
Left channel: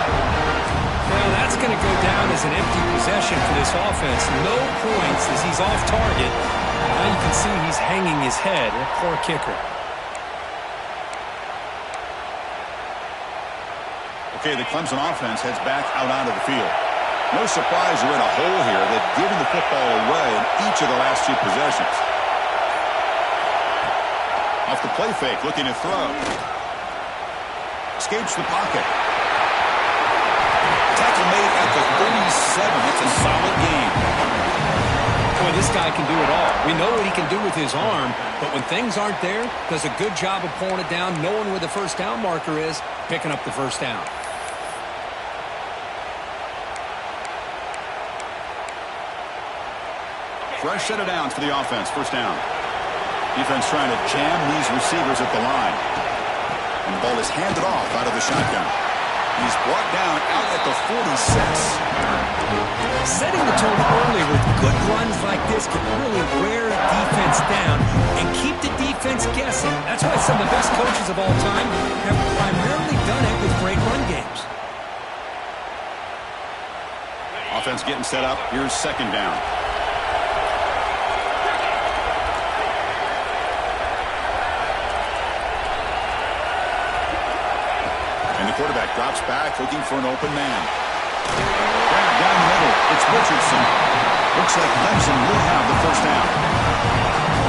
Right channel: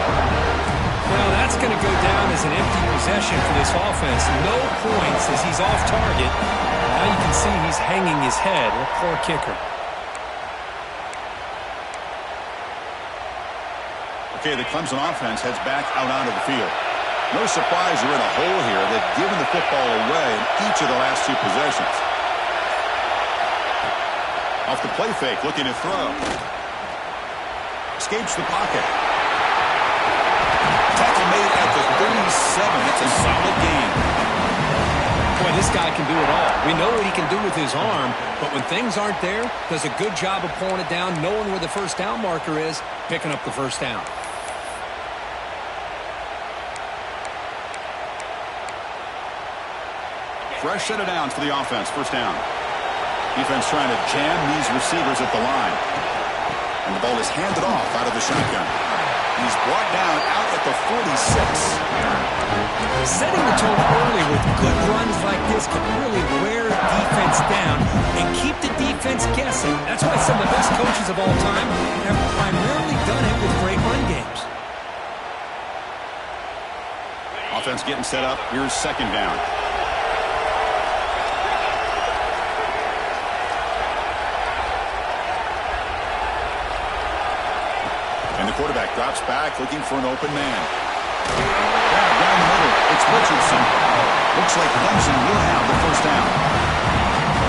Well, that's going to go down as an empty possession for this offense. No points as he's off target. Now you can see he's hanging his head. A poor kicker. Okay, the Clemson offense heads back out onto the field. No surprise they're in a hole here. They've given the football away in each of the last 2 possessions. Off the play fake, looking to throw. Escapes the pocket. Tackle made at the 37. That's a solid game. Boy, this guy can do it all. We know what he can do with his arm, but when things aren't there, does a good job of pulling it down, knowing where the first down marker is, picking up the first down. Fresh set of downs for the offense. First down. Defense trying to jam these receivers at the line. And the ball is handed off out of the shotgun. He's brought down out at the 46. Setting the tone early with good runs like this can really wear defense down and keep the defense guessing. That's why some of the best coaches of all time have primarily done it with great run games. Offense getting set up. Here's second down. And the quarterback drops back, looking for an open man. Grab down the middle. It's Richardson. Looks like Clemson will have the first down.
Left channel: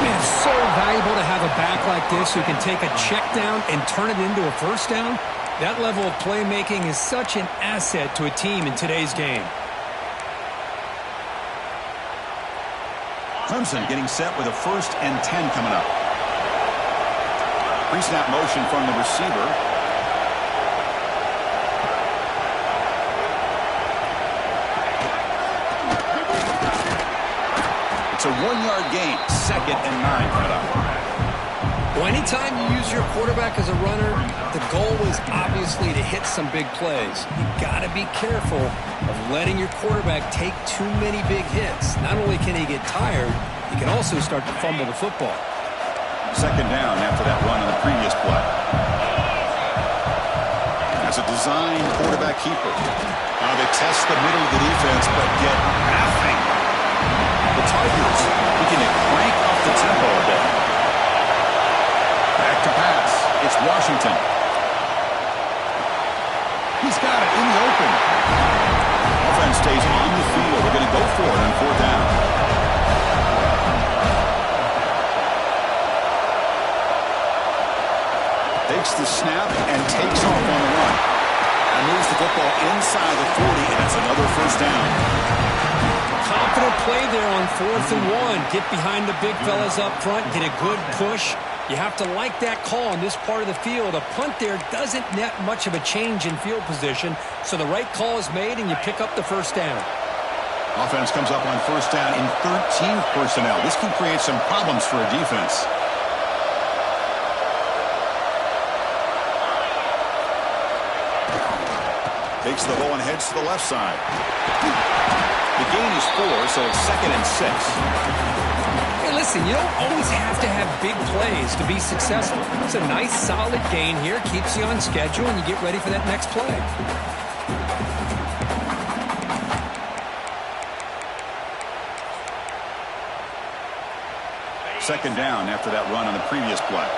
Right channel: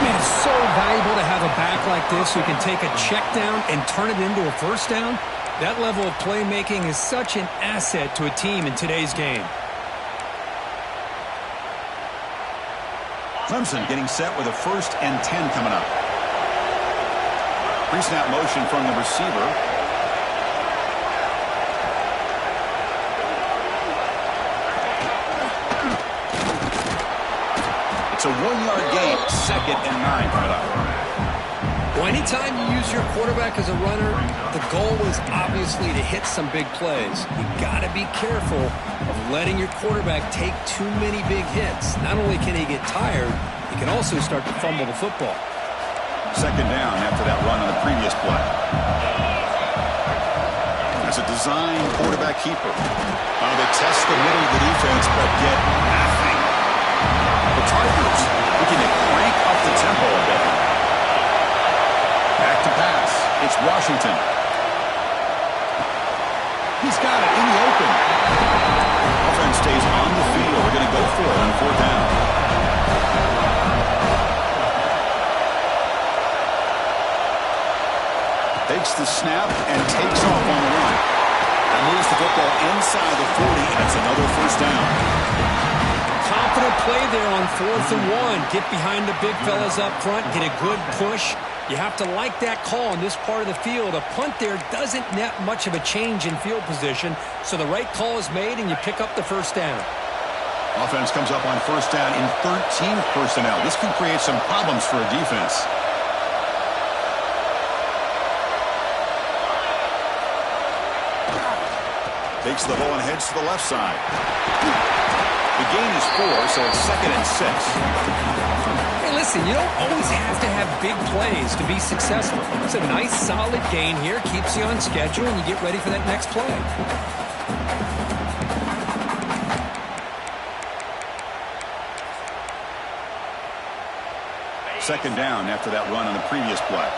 Man, it's so valuable to have a back like this who can take a check down and turn it into a first down. That level of playmaking is such an asset to a team in today's game. Clemson getting set with a 1st and 10 coming up. Pre-snap motion from the receiver. It's a 1-yard gain. 2nd and 9 coming up. Well, anytime you use your quarterback as a runner, the goal is obviously to hit some big plays. You got to be careful of letting your quarterback take too many big hits. Not only can he get tired, he can also start to fumble the football. 2nd down after that run on the previous play. That's a design quarterback keeper. They test the middle of the defense, but get nothing. The Tigers looking to crank up the tempo a bit. Back to pass. It's Washington. He's got it in the open. Offense stays on the field. They're going to go for it on 4th down. Takes the snap and takes off on the run. And moves the football inside the 40, and it's another first down. Confident play there on 4th and 1. Get behind the big fellas up front, get a good push. You have to like that call on this part of the field. A punt there doesn't net much of a change in field position, so the right call is made and you pick up the first down. Offense comes up on first down in 13 personnel. This can create some problems for a defense. Takes the ball and heads to the left side. The gain is 4, so it's 2nd and 6. Hey, listen, you don't always have to have big plays to be successful. It's a nice, solid gain here. Keeps you on schedule, and you get ready for that next play. Second down after that run on the previous play.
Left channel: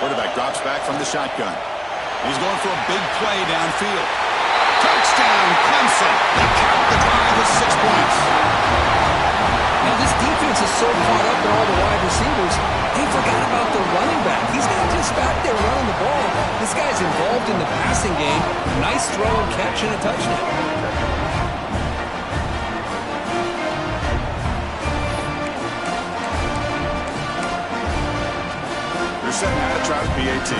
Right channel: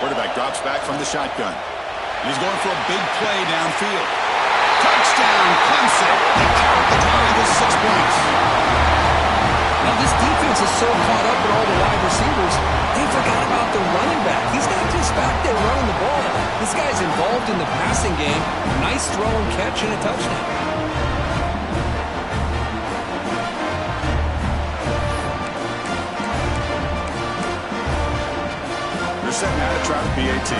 Quarterback drops back from the shotgun. He's going for a big play downfield. Touchdown, Clemson. They count the drive with 6 points. Now, this defense is so caught up in all the wide receivers, they forgot about the running back. He's not just back there running the ball. This guy's involved in the passing game. Nice throw and catch and a touchdown. They're setting out to try the PAT.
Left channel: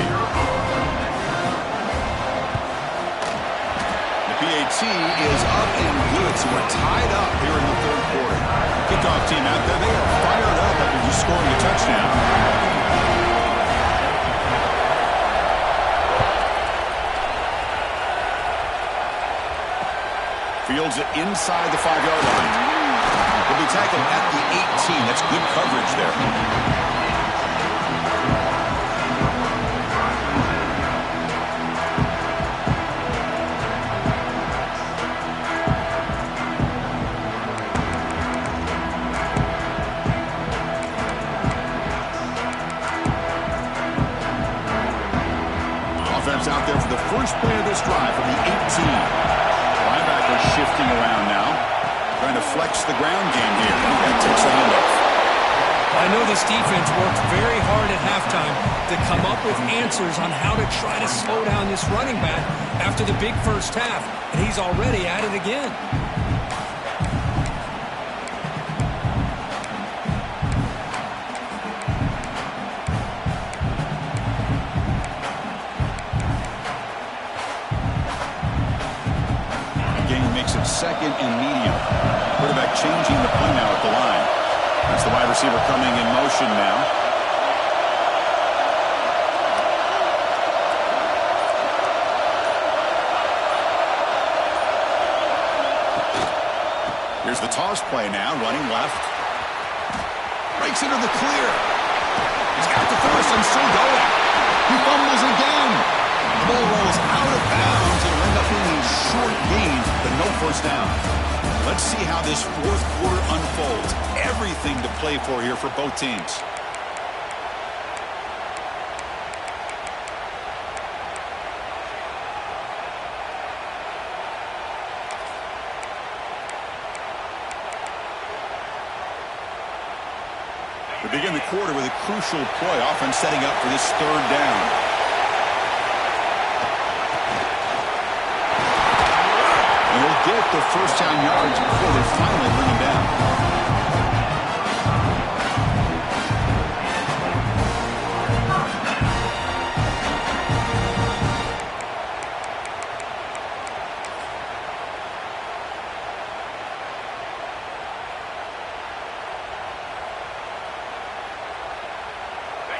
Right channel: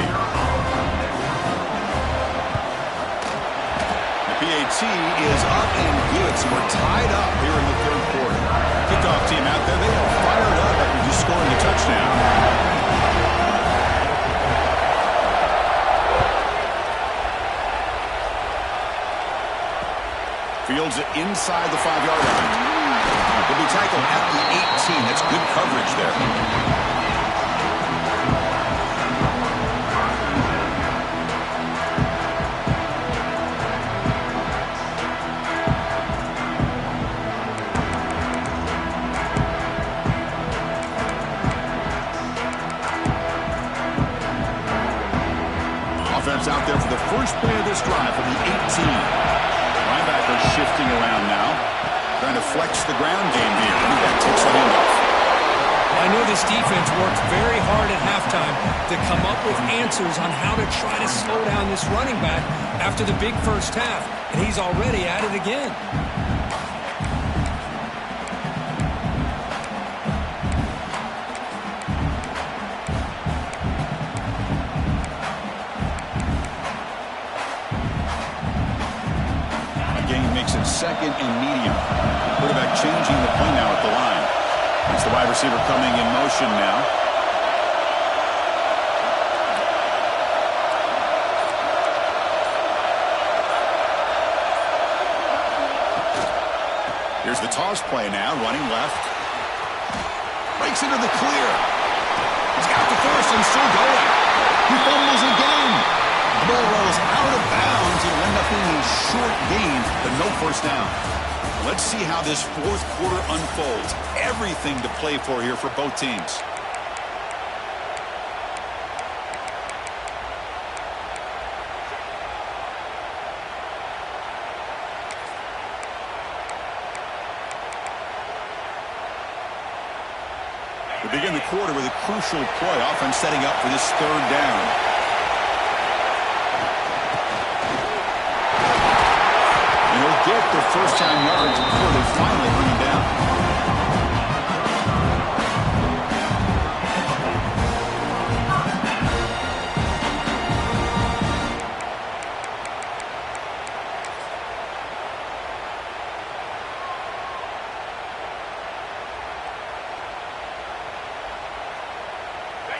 The PAT is up and good, so we're tied up here in the third quarter. Kickoff team out there, they are fired up after just scoring a touchdown. Fields it inside the 5-yard line. He'll be tackled at the 18. That's good coverage there. Offense out there for the first play of this drive from the 18. Linebacker shifting around now, trying to flex the ground game here. That takes the handoff. I know this defense worked very hard at halftime to come up with answers on how to try to slow down this running back after the big first half, and he's already at it again. Makes it second and medium. Quarterback changing the play now at the line. That's the wide receiver coming in motion now. Here's the toss play now, running left. Breaks into the clear. He's got the first and still going. He fumbles again. The ball rolls out of bounds. It'll end up being a short gain, but no first down. Let's see how this fourth quarter unfolds. Everything to play for here for both teams. We begin the quarter with a crucial play. Offense setting up for this third down. And he'll get the first down yards before they finally bring him down.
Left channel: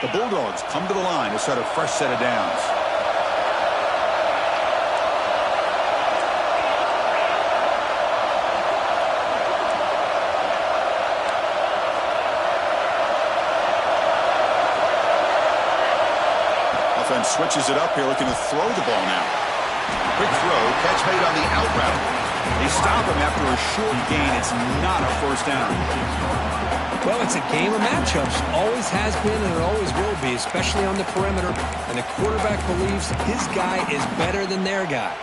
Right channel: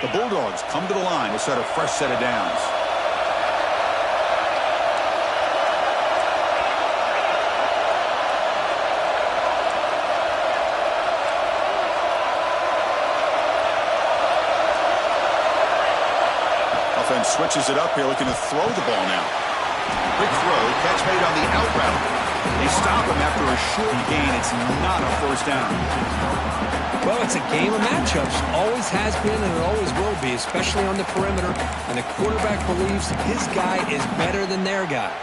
The Bulldogs come to the line to start a fresh set of downs. Offense switches it up here, looking to throw the ball now. Quick throw, catch made on the out route. They stop him after a short gain. It's not a first down. Well, it's a game of matchups. Always has been and it always will be, especially on the perimeter. And the quarterback believes his guy is better than their guy.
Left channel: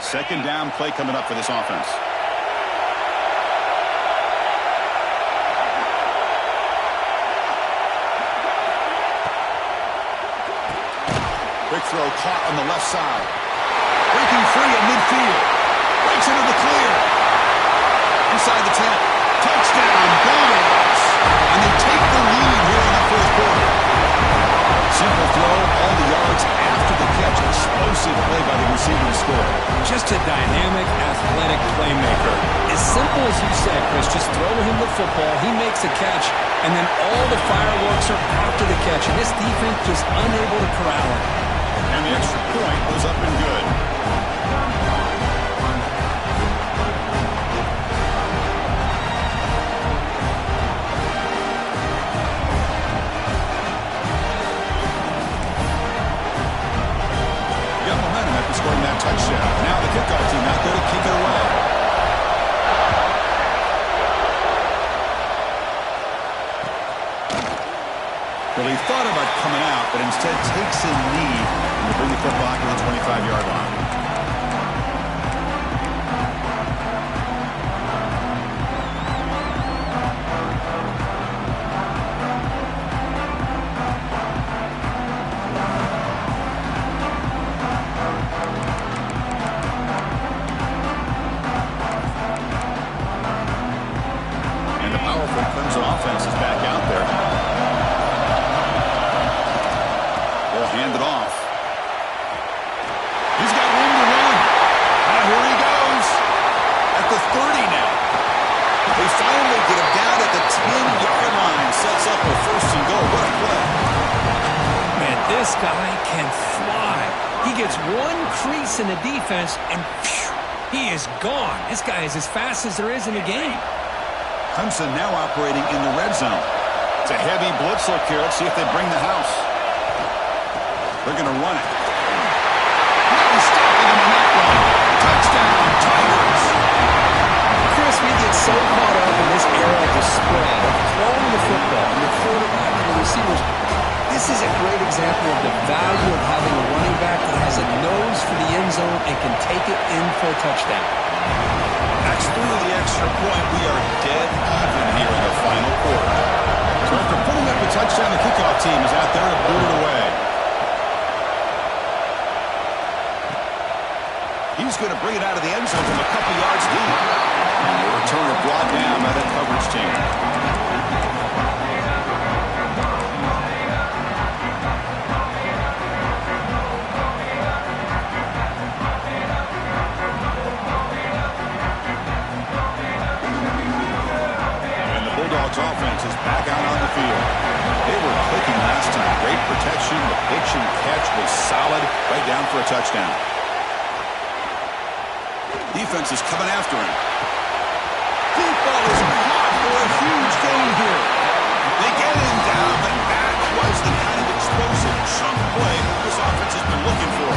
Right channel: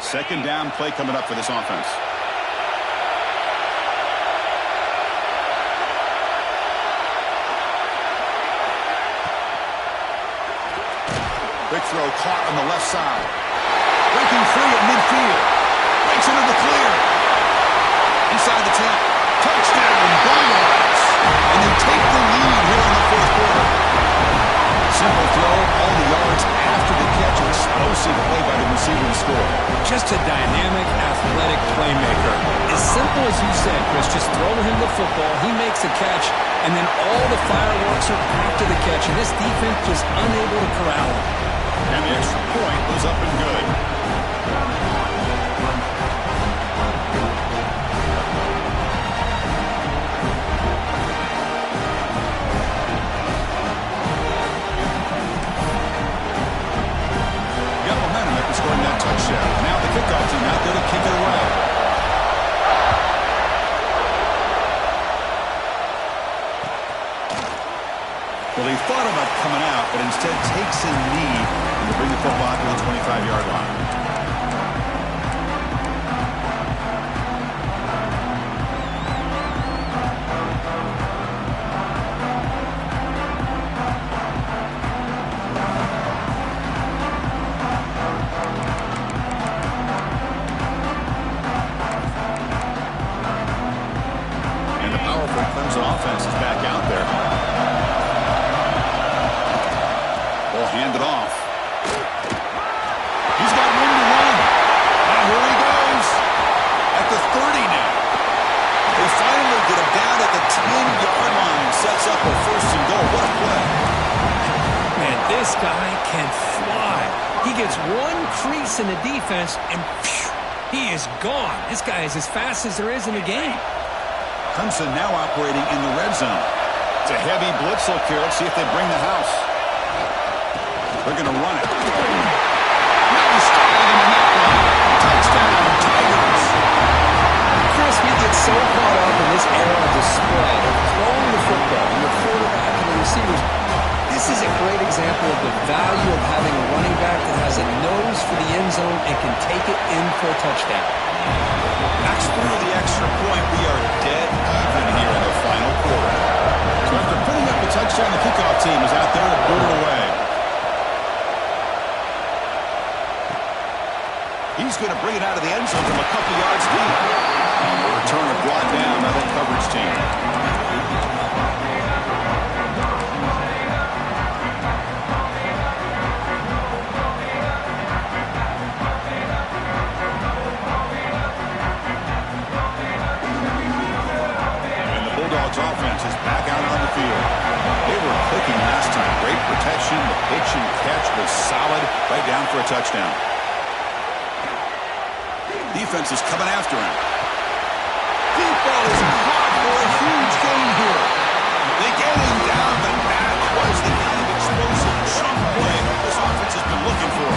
Second down play coming up for this offense. Quick throw caught on the left side. Breaking free at midfield. Breaks into the clear. Inside the 10. Touchdown, Bulldogs. And they take the lead here in the fourth quarter. Simple throw, all the yards after the catch. Explosive play by the receiver to score. Just a dynamic, athletic playmaker. As simple as you said, Chris, just throw him the football, he makes a catch, and then all the fireworks are after the catch. And this defense just unable to corral him. And the extra point was up and good. Got momentum after scoring that touchdown. Now the kickoff team out there to kick it away. Well, he thought about coming out, but instead takes a knee. to bring the football to the 25-yard line. Clemson offense is back out there. Ball handed off. He's got room to run. Now here he goes. At the 30 now. They finally get him down at the 10-yard line. Sets up a first and goal. What a play. Man, this guy can fly. He gets one crease in the defense, and phew, he is gone. This guy is as fast as there is in the game. Clemson now operating in the red zone. It's a heavy blitz look here. Let's see if they bring the house. They're going to run it. Now he's stopping him on that one. Touchdown, Tigers. Chris, we get so caught up in this era of the spread, of throwing the football, and the quarterback and the receivers. This is a great example of the value of having a running back that has a nose for the end zone and can take it in for a touchdown. Backs through the extra point. We are dead even here in the final quarter. So after putting up a touchdown, the kickoff team is out there to boot it away. He's going to bring it out of the end zone from a couple yards deep. And the returner brought down by that coverage team. Offense is back out on the field. They were clicking last time. Great protection. The pitch and catch was solid. Right down for a touchdown. Defense is coming after him. Deep ball is caught for a huge gain here. They get him down, but that was the kind of explosive chunk play this offense has been looking for.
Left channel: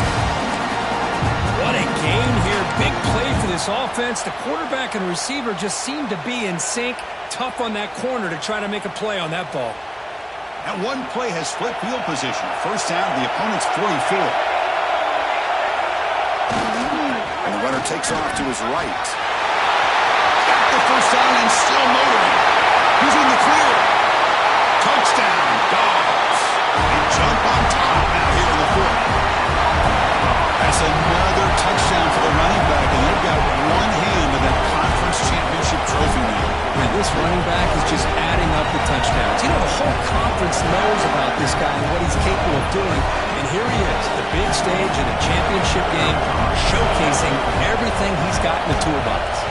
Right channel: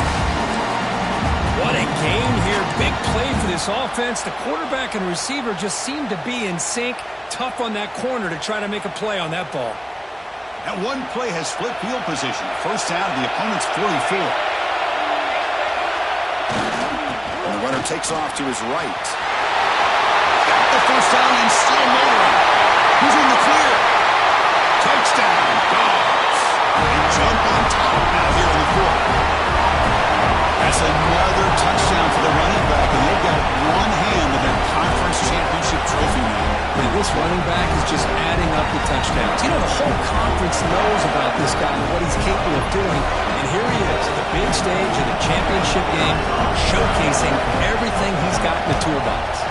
What a game here. Big play for this offense. The quarterback and receiver just seem to be in sync. Tough on that corner to try to make a play on that ball. And one play has split field position. First down to the opponent's 44. And the runner takes off to his right. Got the first down and still motoring. He's in the clear. Touchdown, Dogs. They jump on top now here in the fourth. That's another touchdown for the running back, and they've got one hand in that conference championship trophy now. Man, this running back is just adding up the touchdowns. You know, the whole conference knows about this guy and what he's capable of doing, and here he is, the big stage of the championship game, showcasing everything he's got in the toolbox.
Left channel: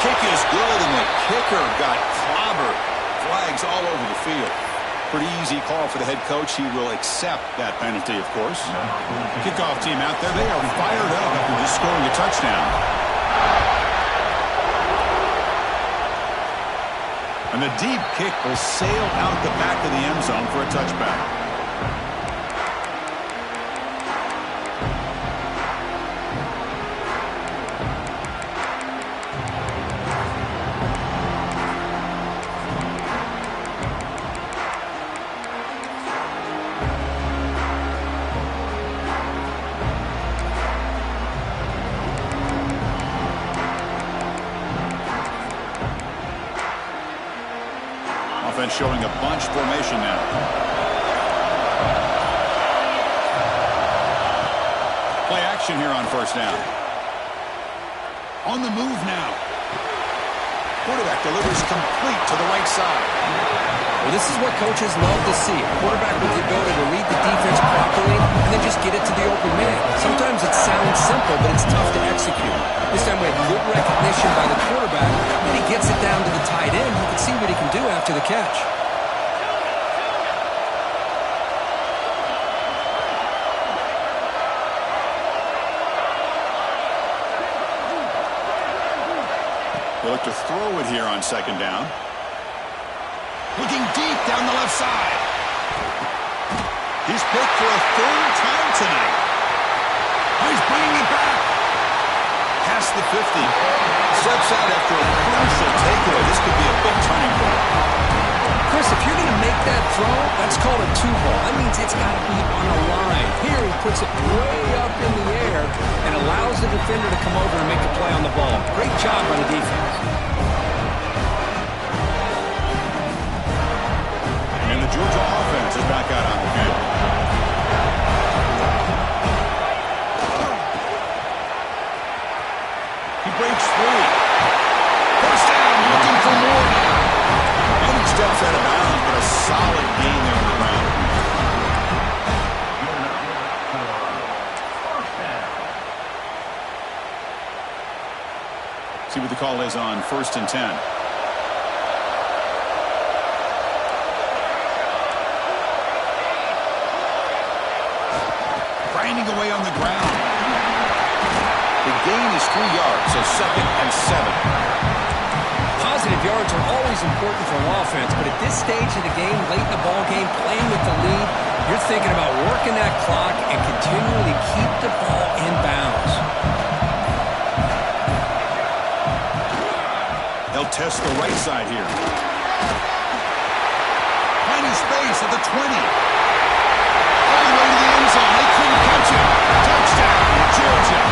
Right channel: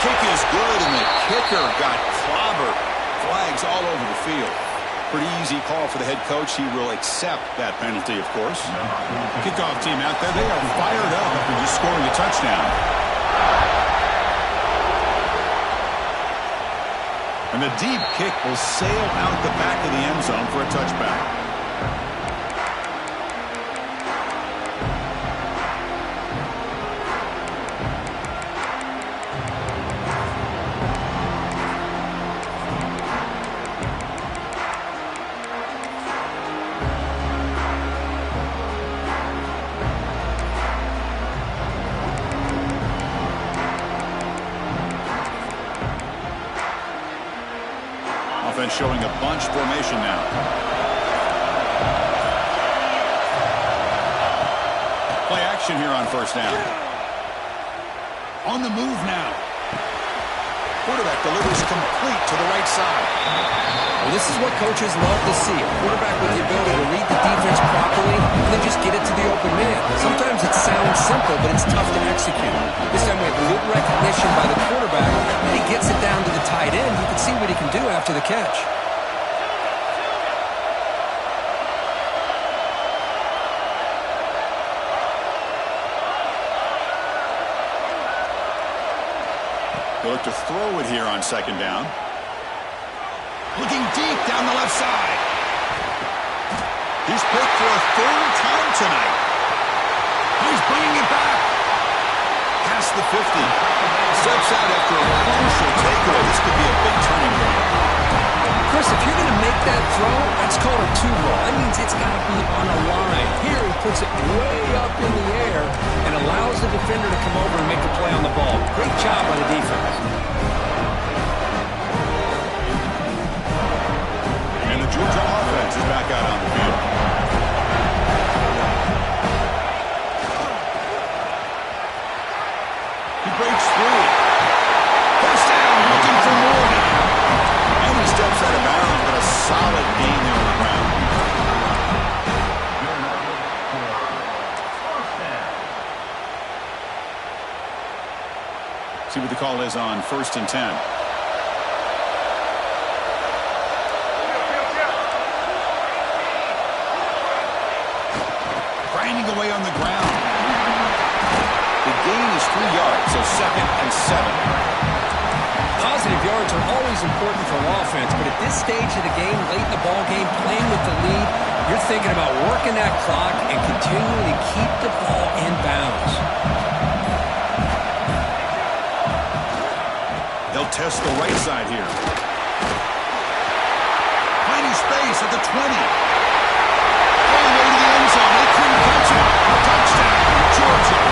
Kick is good, and the kicker got clobbered. Flags all over the field. Pretty easy call for the head coach. He will accept that penalty, of course. Kickoff team out there. They are fired up after just scoring a touchdown. And the deep kick will sail out the back of the end zone for a touchback. Offense showing a bunch formation now. Play action here on first down. On the move now. Quarterback delivers complete to the right side. Well, this is what coaches love to see. A quarterback with the ability to read the defense properly and then just get it to the open man. Sometimes it sounds simple, but it's tough to execute. This time we have good recognition by the quarterback, and he gets it down to the tight end. You can see what he can do after the catch. They look to throw it here on second down. Looking deep down the left side. He's picked for a third time tonight. He's bringing it back. Past the 50. Steps out after a crucial takeaway. This could be a big turning point. Chris, if you're going to make that throw? That's called a two ball. That means it's got to be on a line. Here he puts it way up in the air and allows the defender to come over and make a play on the ball. Great job by the defense. And the Georgia offense is back out on the field. He breaks free. First down, looking for more now. And he steps out of bounds, but a solid gain there on the ground. See what the call is on 1st and 10. Grinding away on the ground. The gain is 3 yards, so 2nd and 7. Positive yards are always important for an offense, but at this stage of the game, late in the ball game, playing with the lead, you're thinking about working that clock and continuing to keep the ball in bounds. They'll test the right side here. Finding space at the 20. All the way to the end zone. They couldn't catch him. Touchdown, Georgia.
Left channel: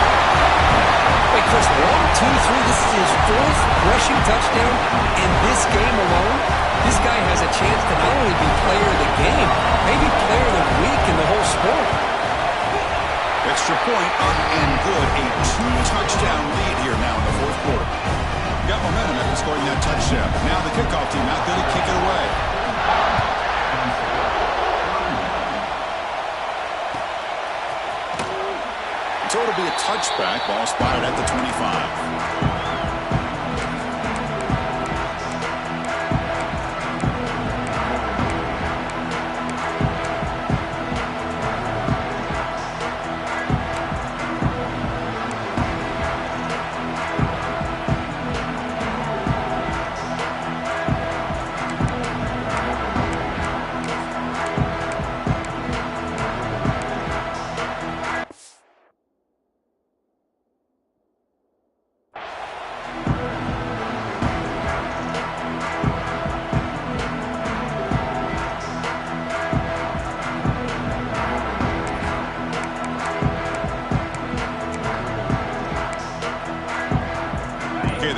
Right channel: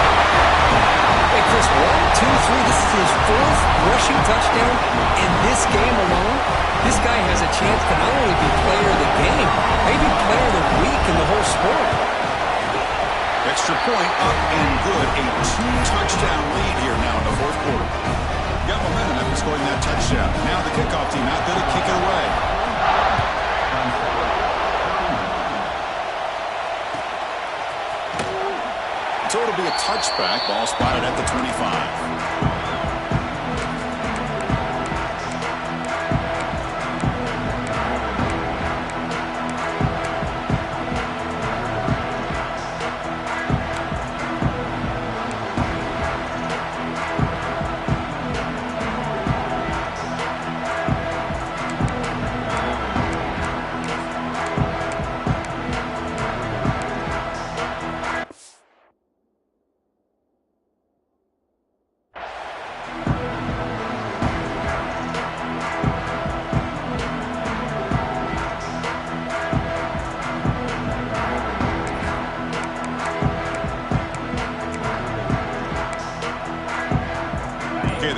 Hey, Chris, 1, 2, 3. This is his 4th rushing touchdown in this game alone. This guy has a chance to not only be player of the game, maybe player of the week in the whole sport. Extra point up and good. A 2-touchdown lead here now in the 4th quarter. Got momentum after scoring that touchdown. Now the kickoff team out there to kick it away. So it'll be a touchback. Ball spotted at the 25.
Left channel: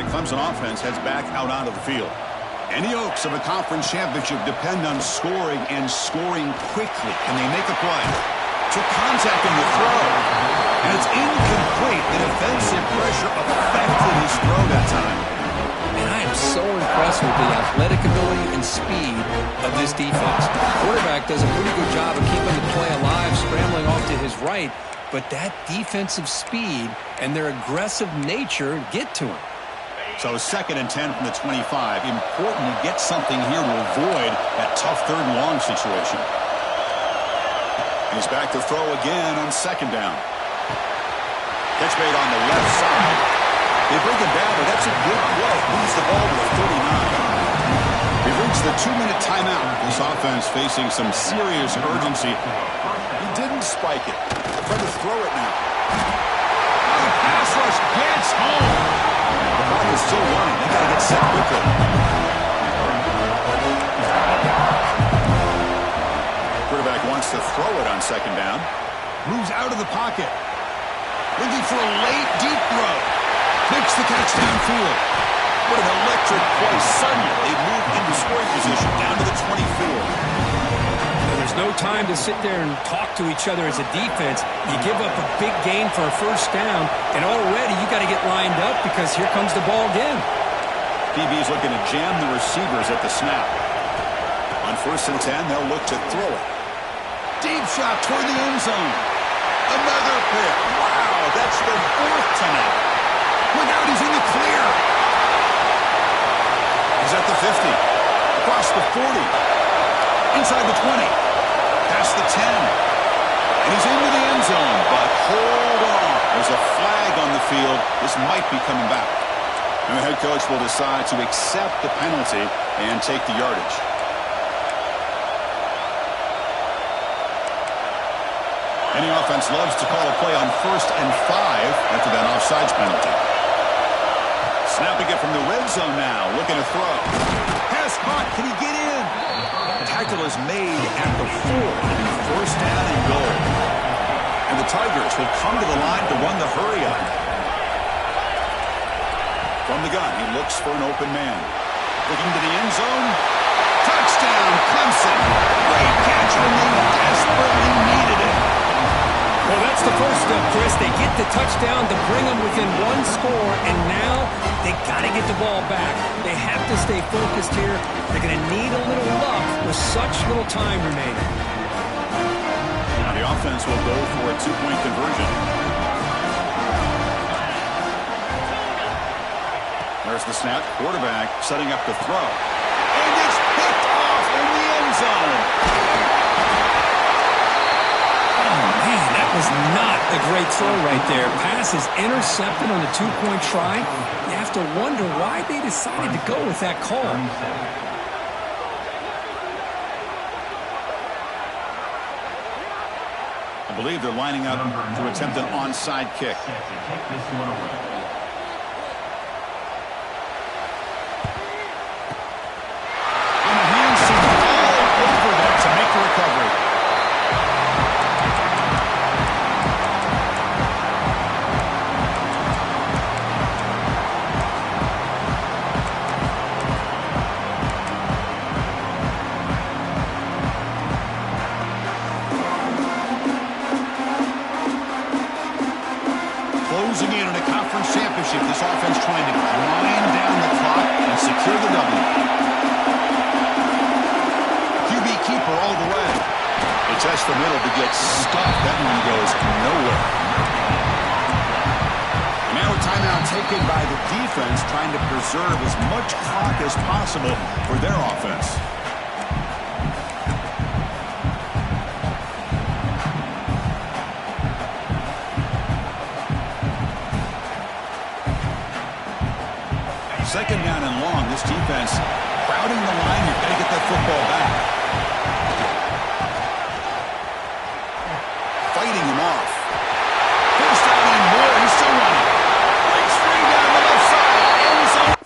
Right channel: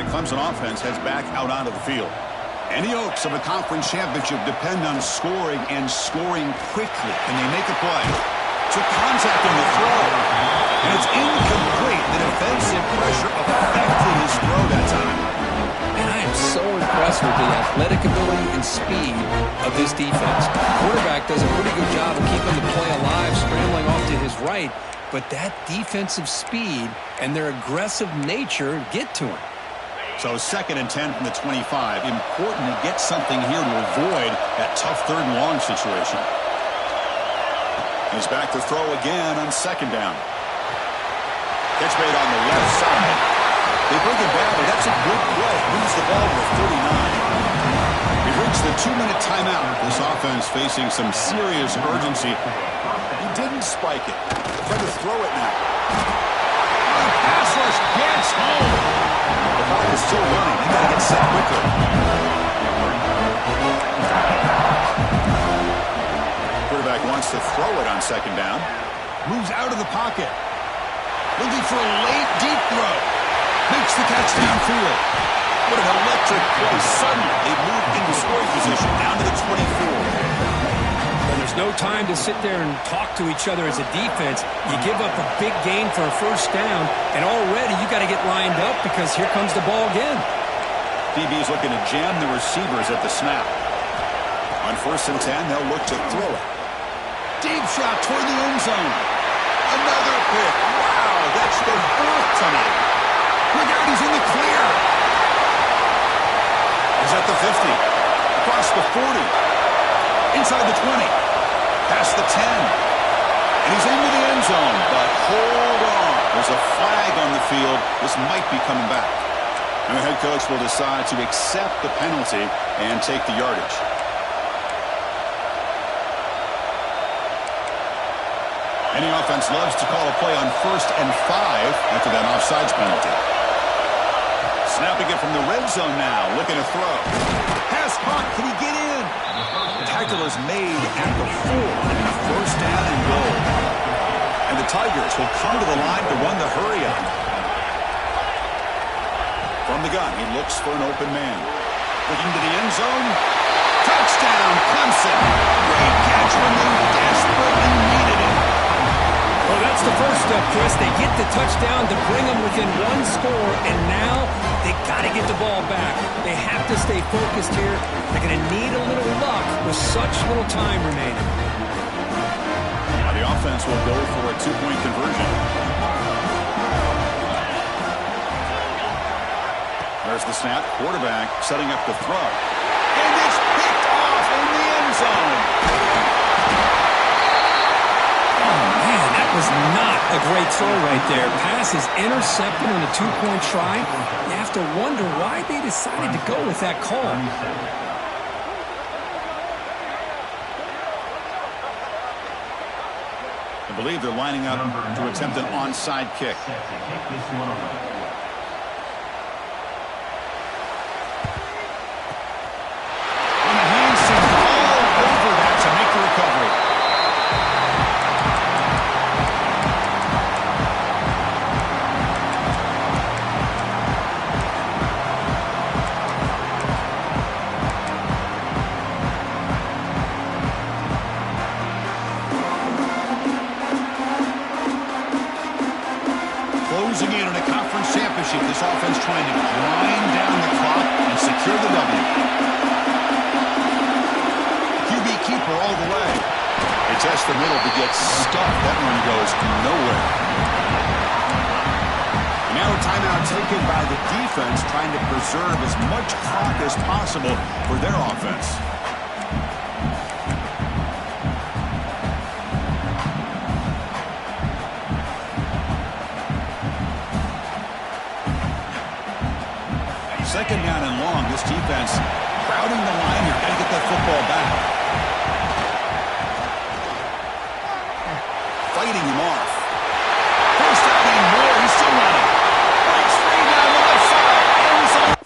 Clemson offense heads back out onto the field. And the Oaks of a conference championship depend on scoring and scoring quickly. Can they make a play? Took contact on the throw. And it's incomplete. The defensive pressure affected his throw that time. And I am so impressed with the athletic ability and speed of this defense. The quarterback does a pretty good job of keeping the play alive, scrambling off to his right. But that defensive speed and their aggressive nature get to him. So 2nd and 10 from the 25. Important to get something here to avoid that tough 3rd and long situation. He's back to throw again on 2nd down. Catch made on the left side. They bring him down, but that's a good play. Moves the ball to the 39. We've reached the 2-minute timeout. This offense facing some serious urgency. He didn't spike it. Trying to throw it now. Oh, the pass rush gets home. The clock is still running. They got to get set quickly. Quarterback wants to throw it on 2nd down. Moves out of the pocket. Looking for a late, deep throw. Makes the catch downfield. What an electric play. Suddenly, they move into scoring position down to the 24. And there's no time to sit there and talk to each other as a defense. You give up a big gain for a 1st down, and already you got to get lined up because here comes the ball again. DB is looking to jam the receivers at the snap. On 1st and 10, they'll look to throw it. Deep shot toward the end zone. Another pick. Wow, that's the 4th tonight. Look out, he's in the clear. He's at the 50. Across the 40. Inside the 20. Past the 10. And he's into the end zone, but hold on. There's a flag on the field. This might be coming back. And the head coach will decide to accept the penalty and take the yardage. Any offense loves to call a play on 1st and 5 after that offsides penalty. Snapping it from the red zone now, looking to throw. Pass caught, can he get in? tackle is made at the 4. It'll be first down and goal. And the Tigers will come to the line to run the hurry up. From the gun, he looks for an open man. Looking to the end zone. Touchdown, Clemson. Great catch when they desperately needed it. Well, that's the first step, Chris. They get the touchdown to bring them within one score, and now they got to get the ball back. They have to stay focused here. They're going to need a little luck with such little time remaining. Now the offense will go for a 2-point conversion. There's the snap. Quarterback setting up the throw. And it's picked off in the end zone. Oh, man, that was not a great throw right there. Pass is intercepted on the 2-point try. You have to wonder why they decided to go with that call. I believe they're lining up to attempt an onside kick. On the hands, all over that to make the recovery. Closing in on a conference championship, this offense trying to grind down the clock and secure the W. QB keeper all the way. They test the middle to get stuffed. That one goes nowhere. And now a timeout taken by the defense, trying to preserve as much clock as possible for their offense. Second down and long. This defense crowding the line here. Got to get that football back. Fighting him off. First down and more. He's still running. Breaks free down the left side. End zone.